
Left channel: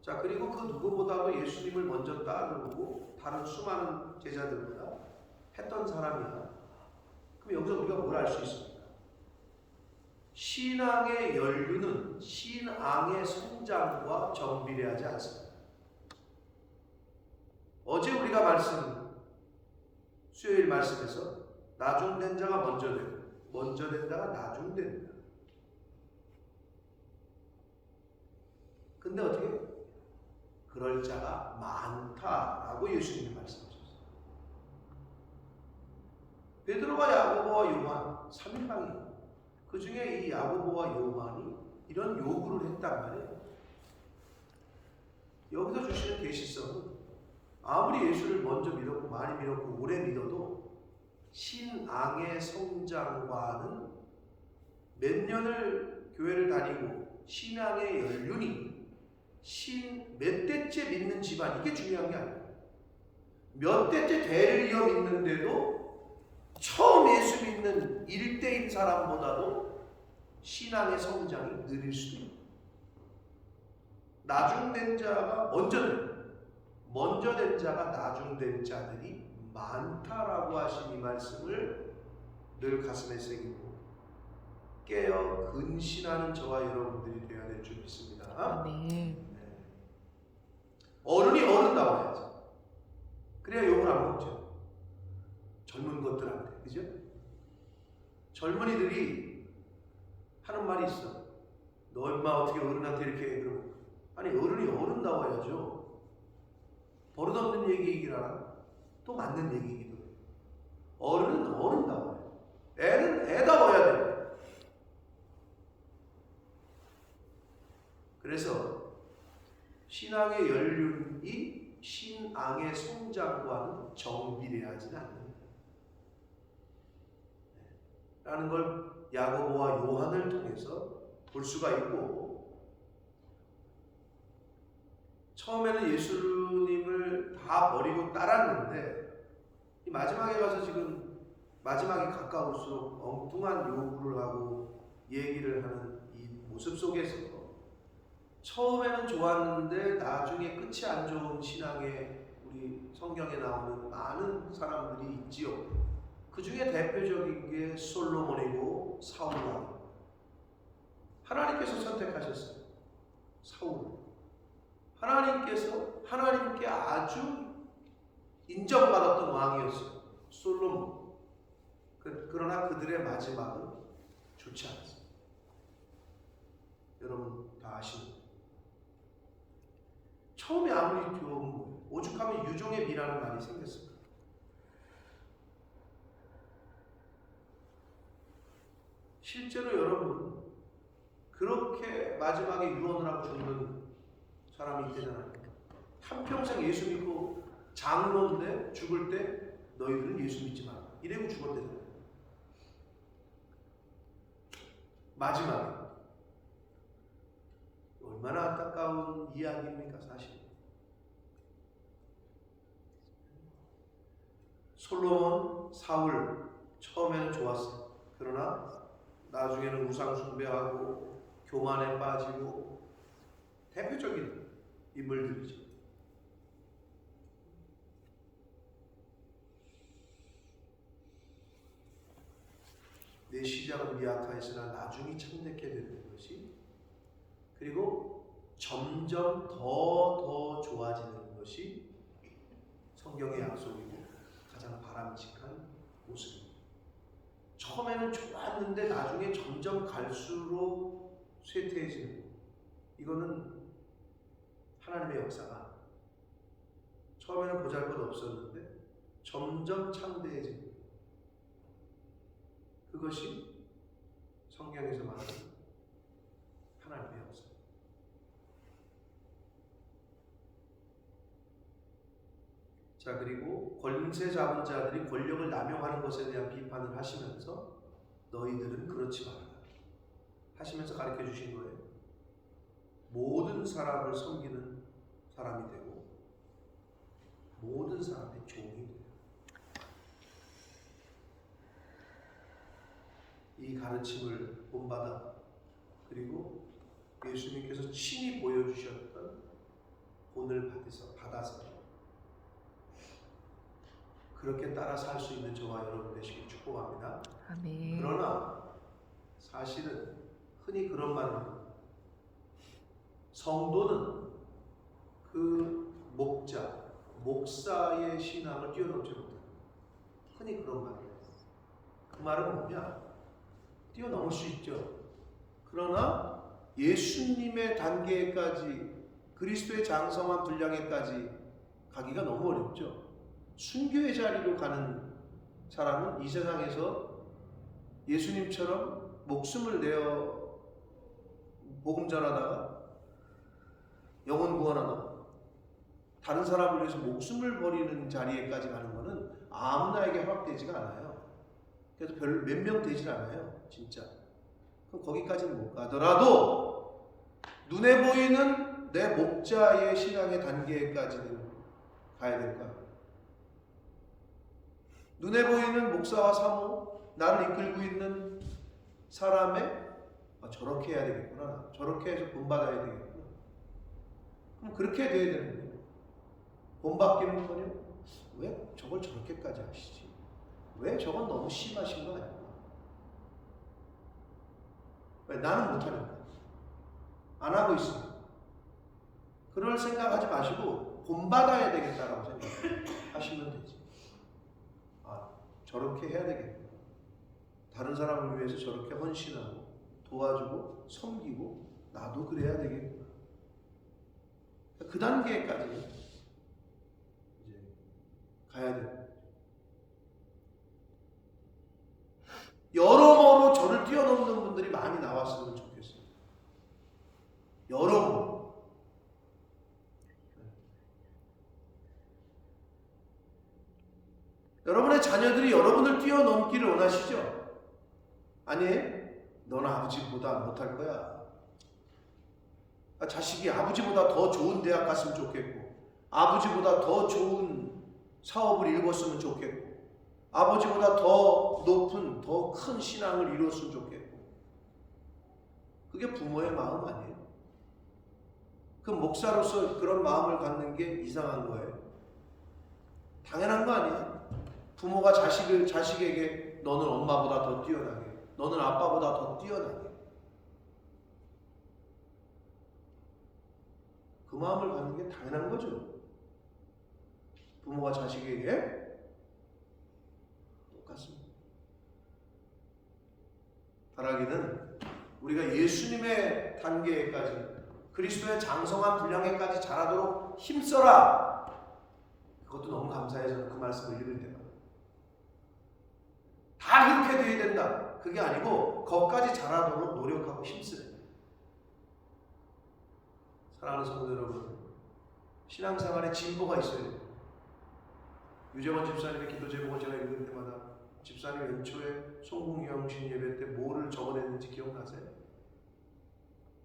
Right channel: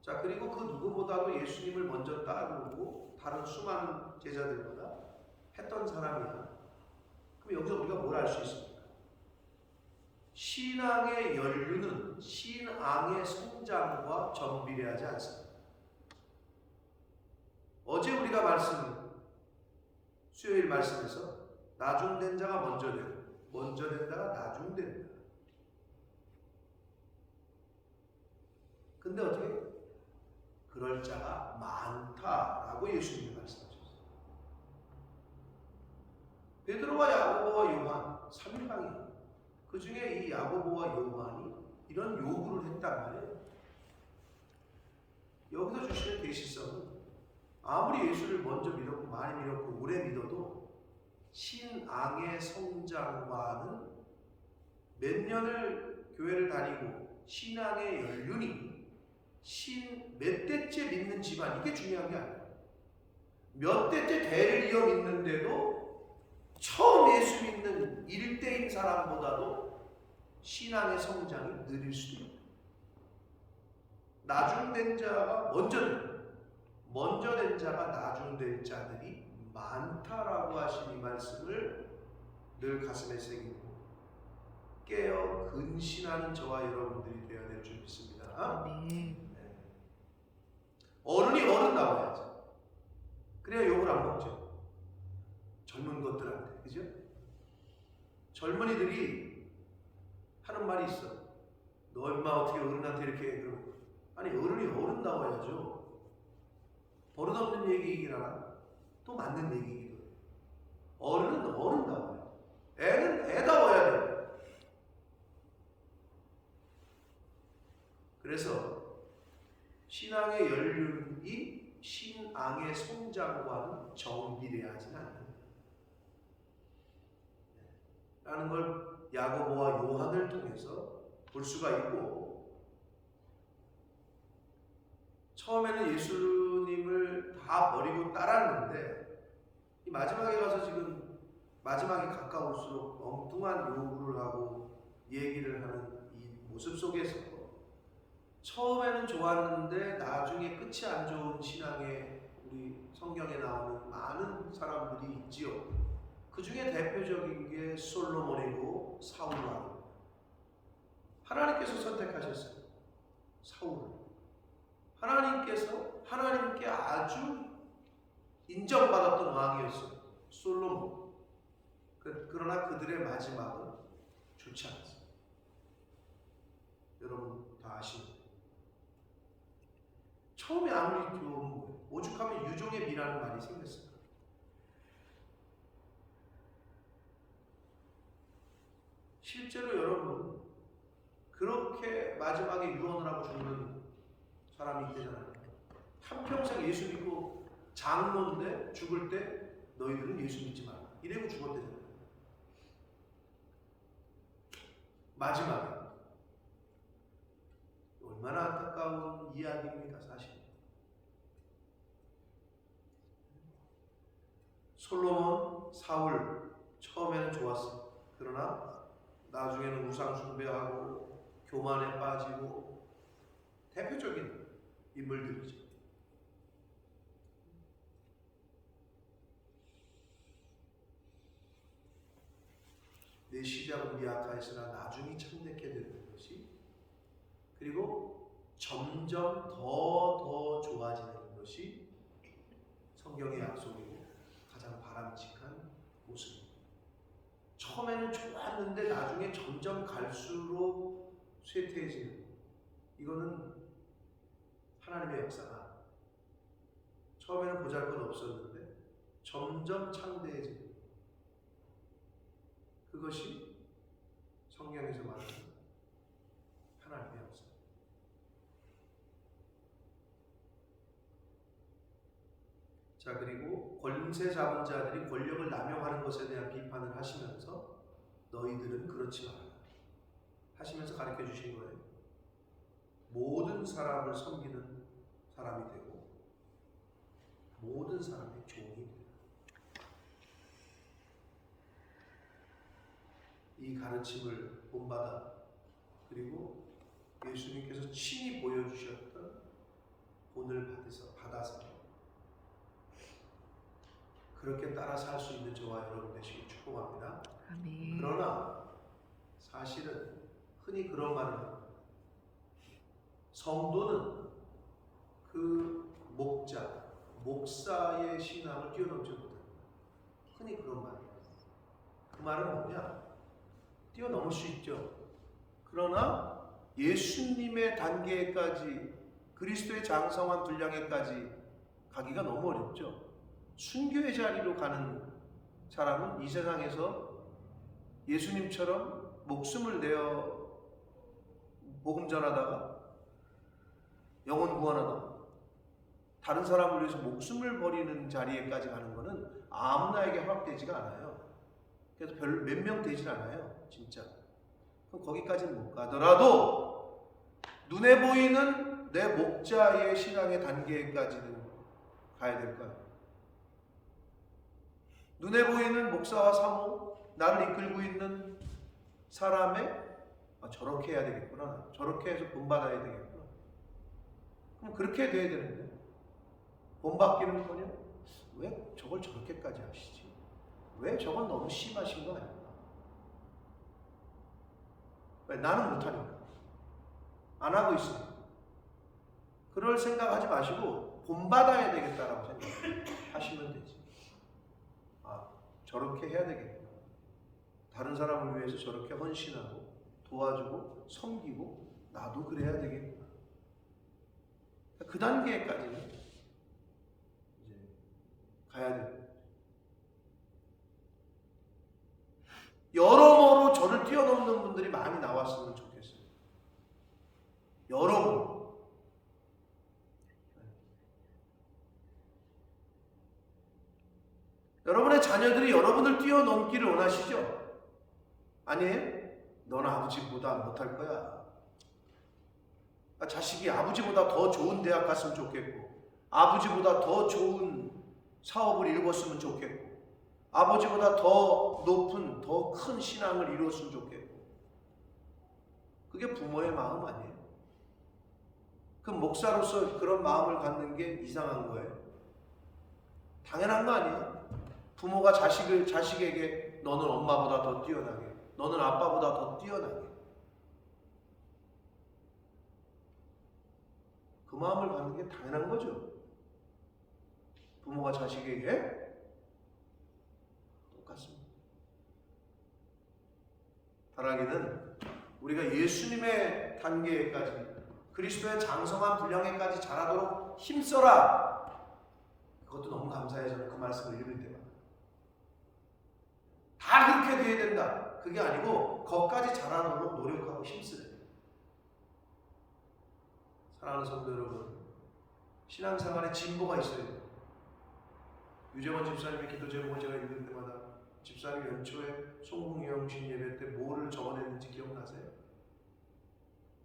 자, 그리고 그 누구보다도 예수님을 먼저 따르고 다른 수많은 제자들보다 했던 사람이야. 그럼 여기서 우리가 뭘 알 수 있습니까? 신앙의 연륜은 신앙의 성장과 정비례하지 않습니다. 어제 우리가 수요일 말씀에서 나중된 자가 먼저 되고 먼저 된 자가 나중된다. 근데 어떻게? 그럴 자가 많다라고 예수님이 말씀하셨어요. 베드로와 야고보와 요한 3인방이에요. 그 중에 이 야고보와 요한이 이런 요구를 했단 말이에요. 여기서 주시는 계시성은 아무리 예수를 먼저 믿었고 많이 믿었고 오래 믿어도 신앙의 성장과는 몇 년을 교회를 다니고 신앙의 연륜이 몇 대째 믿는 집안, 이게 중요한 게 아니라 몇 대째 대를 이어 믿는데도 처음 예수 믿는 1대인 사람보다도 신앙의 성장이 느릴 수도 있다. 나중된 자가 먼저 된 자가 나중된 자들이 많다라고 하신 이 말씀을 늘 가슴에 새기고 깨어 근신하는 저와 여러분들이 되어야 될 줄 믿습니다. 네. 어른이 어른다워야지. 그래야 욕을 안 먹죠. 젊은 것들한테, 그죠? 젊은이들이 하는 말이 있어. 너 인마 어떻게 어른한테 이렇게 해? 그러면 아니, 어른이 어른다워야죠. 버릇없는 얘기이긴 하나 또 맞는 얘기이기도 해요. 어른은 어른다워요. 애는 애다워야 돼요. 그래서 신앙의 연륜이 신앙의 성장과는 정비례하지는 않는다. 라는 걸 야고보와 요한을 통해서 볼 수가 있고, 처음에는 예수님을 다 버리고 따랐는데 이 마지막에 가서 지금 마지막에 가까울수록 엉뚱한 요구를 하고 얘기를 하는 이 모습 속에서 처음에는 좋았는데 나중에 끝이 안 좋은 신앙의 우리 성경에 나오는 많은 사람들이 있지요. 그 중에 대표적인 게 솔로몬이고 사울왕입니다. 하나님께서 선택하셨어요. 사울. 하나님께 아주 인정받았던 왕이었어요. 솔로몬. 그러나 그들의 마지막은 좋지 않았어요. 여러분 다 아시는. 처음에 아무리 좋은 거예요. 오죽하면 유종의 미라는 말이 생겼을까. 실제로 여러분 그렇게 마지막에 유언을 하고 죽는 사람이 있대잖아요. 한평생 예수 믿고 장로인데 죽을 때 너희들은 예수 믿지 말라 이래고 죽었대잖아요. 마지막에. 얼마나 안타까운 이야기입니까, 사실. 솔로몬, 사울 처음에는 좋았어요. 그러나 나중에는 우상 숭배하고 교만에 빠지고 대표적인 인물들이죠. 내 시작은 미약하였으나 나중이 참되게 되는 것이, 그리고 점점 더 좋아지는 것이 성경의 약속이고 가장 바람직한 모습입니다. 처음에는 좋았는데 나중에 점점 갈수록 쇠퇴해지는, 이거는 하나님의 역사가 처음에는 보잘것없었는데 점점 창대해지는, 그것이 성경에서 말하는 하나님의 역사. 자, 그리고 권세 잡은 자들이 권력을 남용하는 것에 대한 비판을 하시면서 너희들은 그렇지 말아라 하시면서 가르쳐 주신 거예요. 모든 사람을 섬기는 사람이 되고 모든 사람의 종이 되라. 이 가르침을 본받아 그리고 예수님께서 친히 보여주셨던 본을 받아서 그렇게 따라 살 수 있는 저와 여러분 되시길 축복합니다. 아멘. 그러나 사실은 흔히 그런 말을 합니다. 성도는 그 목사의 신앙을 뛰어넘지 못한다. 흔히 그런 말을 해요. 그 말은 뭐냐? 뛰어넘을 수 있죠. 그러나 예수님의 단계까지, 그리스도의 장성한 분량에까지 가기가 너무 어렵죠. 순교의 자리로 가는 사람은 이 세상에서 예수님처럼 목숨을 내어 복음 전하다가 영혼 구원하다가 다른 사람을 위해서 목숨을 버리는 자리에까지 가는 것은 아무나에게 허락되지가 않아요. 그래서 별 몇 명 되질 않아요. 진짜. 그럼 거기까지는 못 가더라도 눈에 보이는 내 목자의 신앙의 단계까지는 가야 될 거야. 눈에 보이는 목사와 사모, 나를 이끌고 있는 사람의 저렇게 해야 되겠구나. 저렇게 해서 본받아야 되겠구나. 그럼 그렇게 돼야 되는데 본받기는커녕 왜 저걸 저렇게까지 하시지? 왜 저건 너무 심하신 거 아닌가? 왜 나는 못하니까 안 하고 있습니다. 그럴 생각하지 마시고 본받아야 되겠다라고 생각하시면 되지. 저렇게 해야 되겠구나. 다른 사람을 위해서 저렇게 헌신하고 도와주고 섬기고 나도 그래야 되겠구나. 그 단계까지 이제 가야 돼요. 여러모로 저를 뛰어넘는 분들이 많이 나왔으면 좋겠어요. 여러모로. 여러분의 자녀들이 여러분을 뛰어넘기를 원하시죠? 아니, 너는 아버지보다 못할 거야. 자식이 아버지보다 더 좋은 대학 갔으면 좋겠고, 아버지보다 더 좋은 사업을 이루었으면 좋겠고, 아버지보다 더 높은, 더 큰 신앙을 이루었으면 좋겠고. 그게 부모의 마음 아니에요? 그 목사로서 그런 마음을 갖는 게 이상한 거예요? 당연한 거 아니에요? 부모가 자식에게 너는 엄마보다 더 뛰어나게, 너는 아빠보다 더 뛰어나게, 그 마음을 갖는 게 당연한 거죠. 부모가 자식에게 똑같습니다. 바라기는 우리가 예수님의 단계까지, 그리스도의 장성한 분량에까지 자라도록 힘써라. 그것도 너무 감사해요. 저는 그 말씀을 읽을 때마다. 다 그렇게 돼야 된다. 그게 아니고 거기까지 자라도록 노력하고 힘쓰래. 사랑하는 성도 여러분, 신앙생활에 진보가 있어야 돼요. 유재원 집사님의 기도 제목을 제가 읽을 때마다 집사님 연초에 송궁영신 예배 때 뭐를 적어냈는지 기억나세요?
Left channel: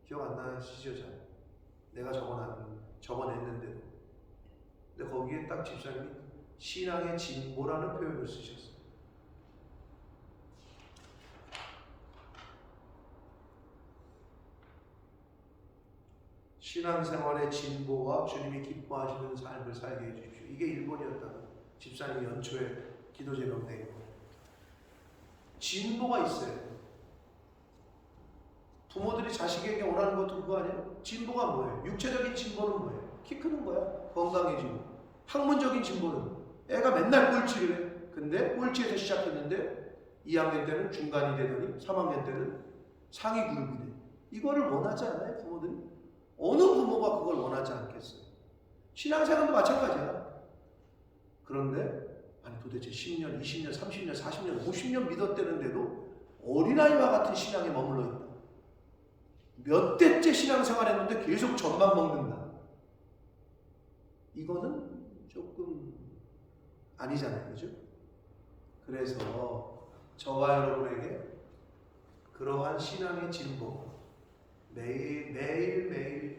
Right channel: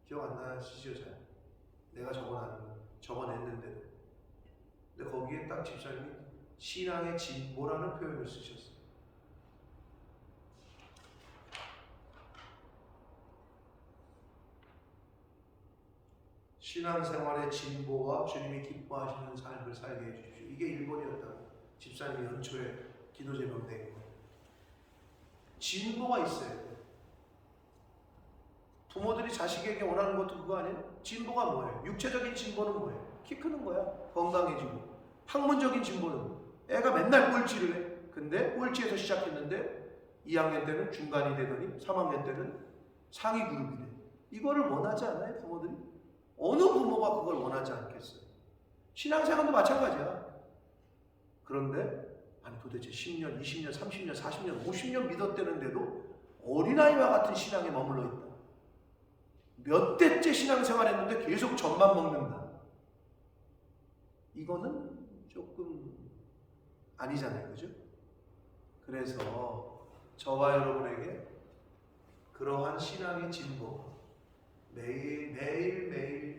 기억 안 나시죠? 잘? 내가 적어냈는데도. 근데 거기에 딱 집사님이 신앙의 진보라는 표현을 쓰셨어요. 신앙생활의 진보와 주님이 기뻐하시는 삶을 살게 해주십시오. 이게 1번이었다고 집사님이 연초에 기도 제목 낸 거예요. 진보가 있어야 돼요. 부모들이 자식에게 원하는 것도 그거 아니에요? 진보가 뭐예요? 육체적인 진보는 뭐예요? 키 크는 거야. 건강해지고. 학문적인 진보는 애가 맨날 꼴찌를 해. 근데 꼴찌에서 시작했는데 2학년 때는 중간이 되더니 3학년 때는 상위 그룹이 돼. 이거를 원하지 않아요? 부모들이? 어느 부모가 그걸 원하지 않겠어요? 신앙생활도 마찬가지야. 그런데 아니 도대체 10년, 20년, 30년, 40년, 50년 믿었다는데도 어린아이와 같은 신앙에 머물러 있다. 몇 대째 신앙생활 했는데 계속 젖만 먹는다. 이거는 조금 아니잖아요. 그죠? 그래서 저와 여러분에게 그러한 신앙의 진보가 매일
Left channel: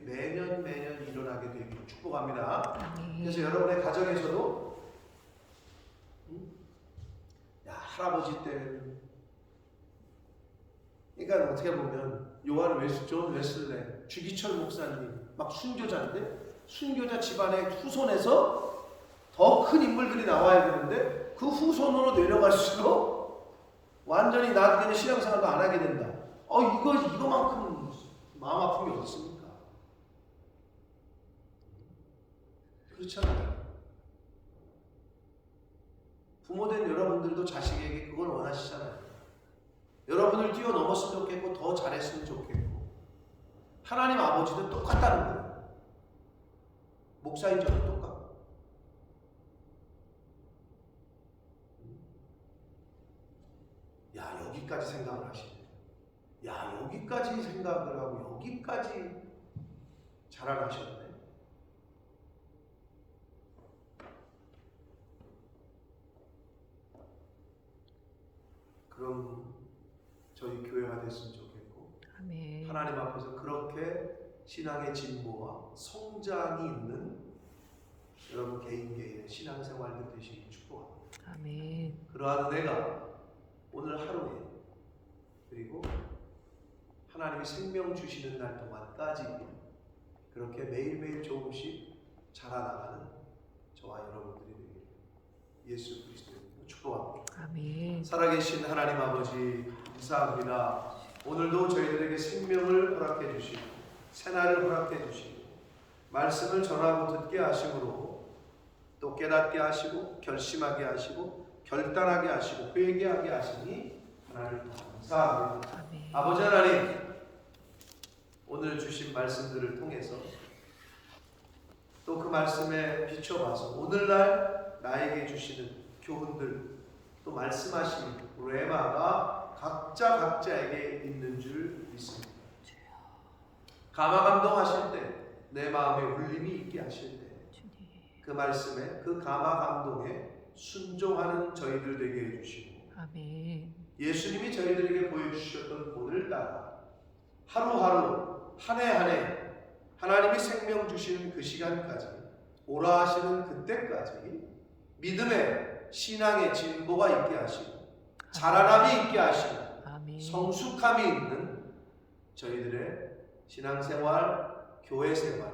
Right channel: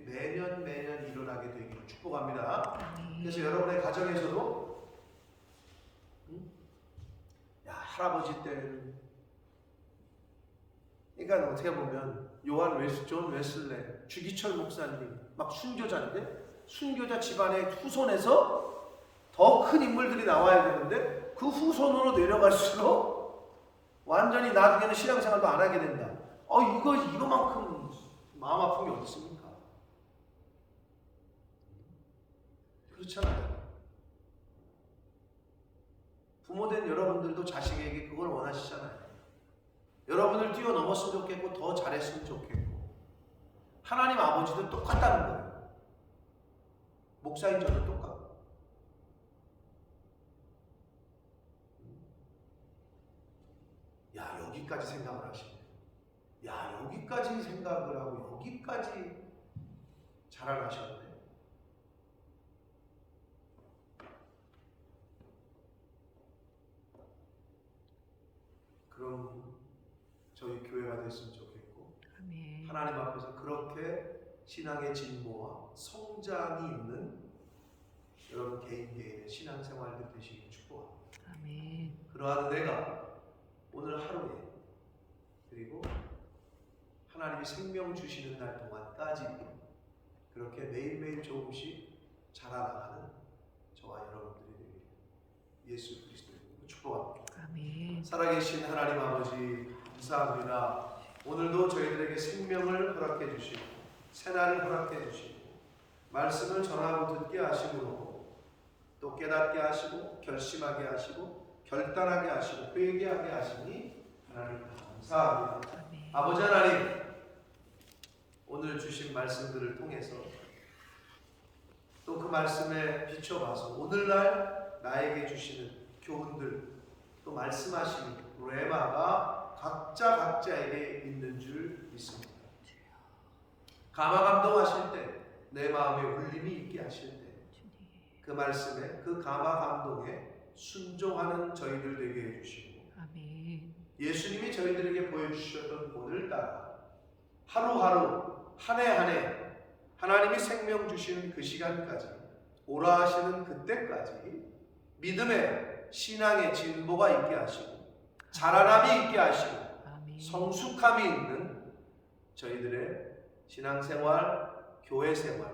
매년 일어나게 되기를 축복합니다. 그래서 여러분의 가정에서도 야 할아버지 때 그러니까 어떻게 보면 존 웨슬레 주기철 목사님 막 순교자인데 순교자 집안의 후손에서 더 큰 인물들이 나와야 되는데 그 후손으로 내려갈수록 완전히 나중에는 신앙생활도 안 하게 된다. 이거만큼 마음 아픈 게 어디 있습니까? 그렇잖아요. 부모된 여러분들도 자식에게 그걸 원하시잖아요. 여러분을 뛰어넘었으면 좋겠고 더 잘했으면 좋겠고 하나님 아버지도 똑같다는 거예요. 목사인 저도 똑같고 야 여기까지 생각을 하시네. 야 여기까지 생각을 하고 여기까지 자라나셨네. 그럼 저희 교회가 됐으면 좋겠고 아멘. 하나님 앞에서 그렇게 신앙의 진보와 성장이 있는 여러분 개인의 신앙생활들 되시길 축복합니다. 아멘. 그러한 은혜가 오늘 하루에 그리고 하나님이 생명 주시는 날 동안까지 그렇게 매일매일 조금씩 자라나가는 저와 여러분들이 되기를 예수 그리스도의 이름으로 축복합니다. 아멘. 살아계신 하나님 아버지 감사합니다. 오늘도 저희들에게 생명을 허락해 주시고 새날을 허락해 주시고 말씀을 전하고 듣게 하심으로 또 깨닫게 하시고 결심하게 하시고 결단하게 하시고 회개하게 하시니 하나님 감사합니다. 아멘. 아버지 하나님 오늘 주신 말씀들을 통해서 또 그 말씀에 비춰봐서 오늘날 나에게 주시는 교훈들 또 말씀하시는 레마가 각자에게 있는 줄 믿습니다. 감화감동하실 때 내 마음에 울림이 있게 하실 때 그 말씀에 그 감화감동에 순종하는 저희들 되게 해주시고 아멘. 예수님이 저희들에게 보여주셨던 본을 따라 하루하루 한 해 한 해 하나님이 생명 주시는 그 시간까지 오라 하시는 그때까지 믿음의 신앙의 진보가 있게 하시고 자라남이 있게 하시고 아멘. 성숙함이 있는 저희들의 신앙생활, 교회생활,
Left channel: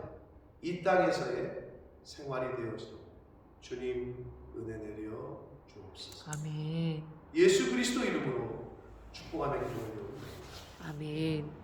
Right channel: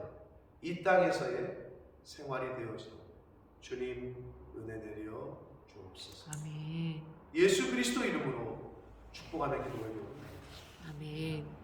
이 땅에서의 생활이 되어지도록 주님 은혜 내려 주옵소서. 아멘. 예수 그리스도 이름으로 축복하며 기도 올려옵니다. 아멘.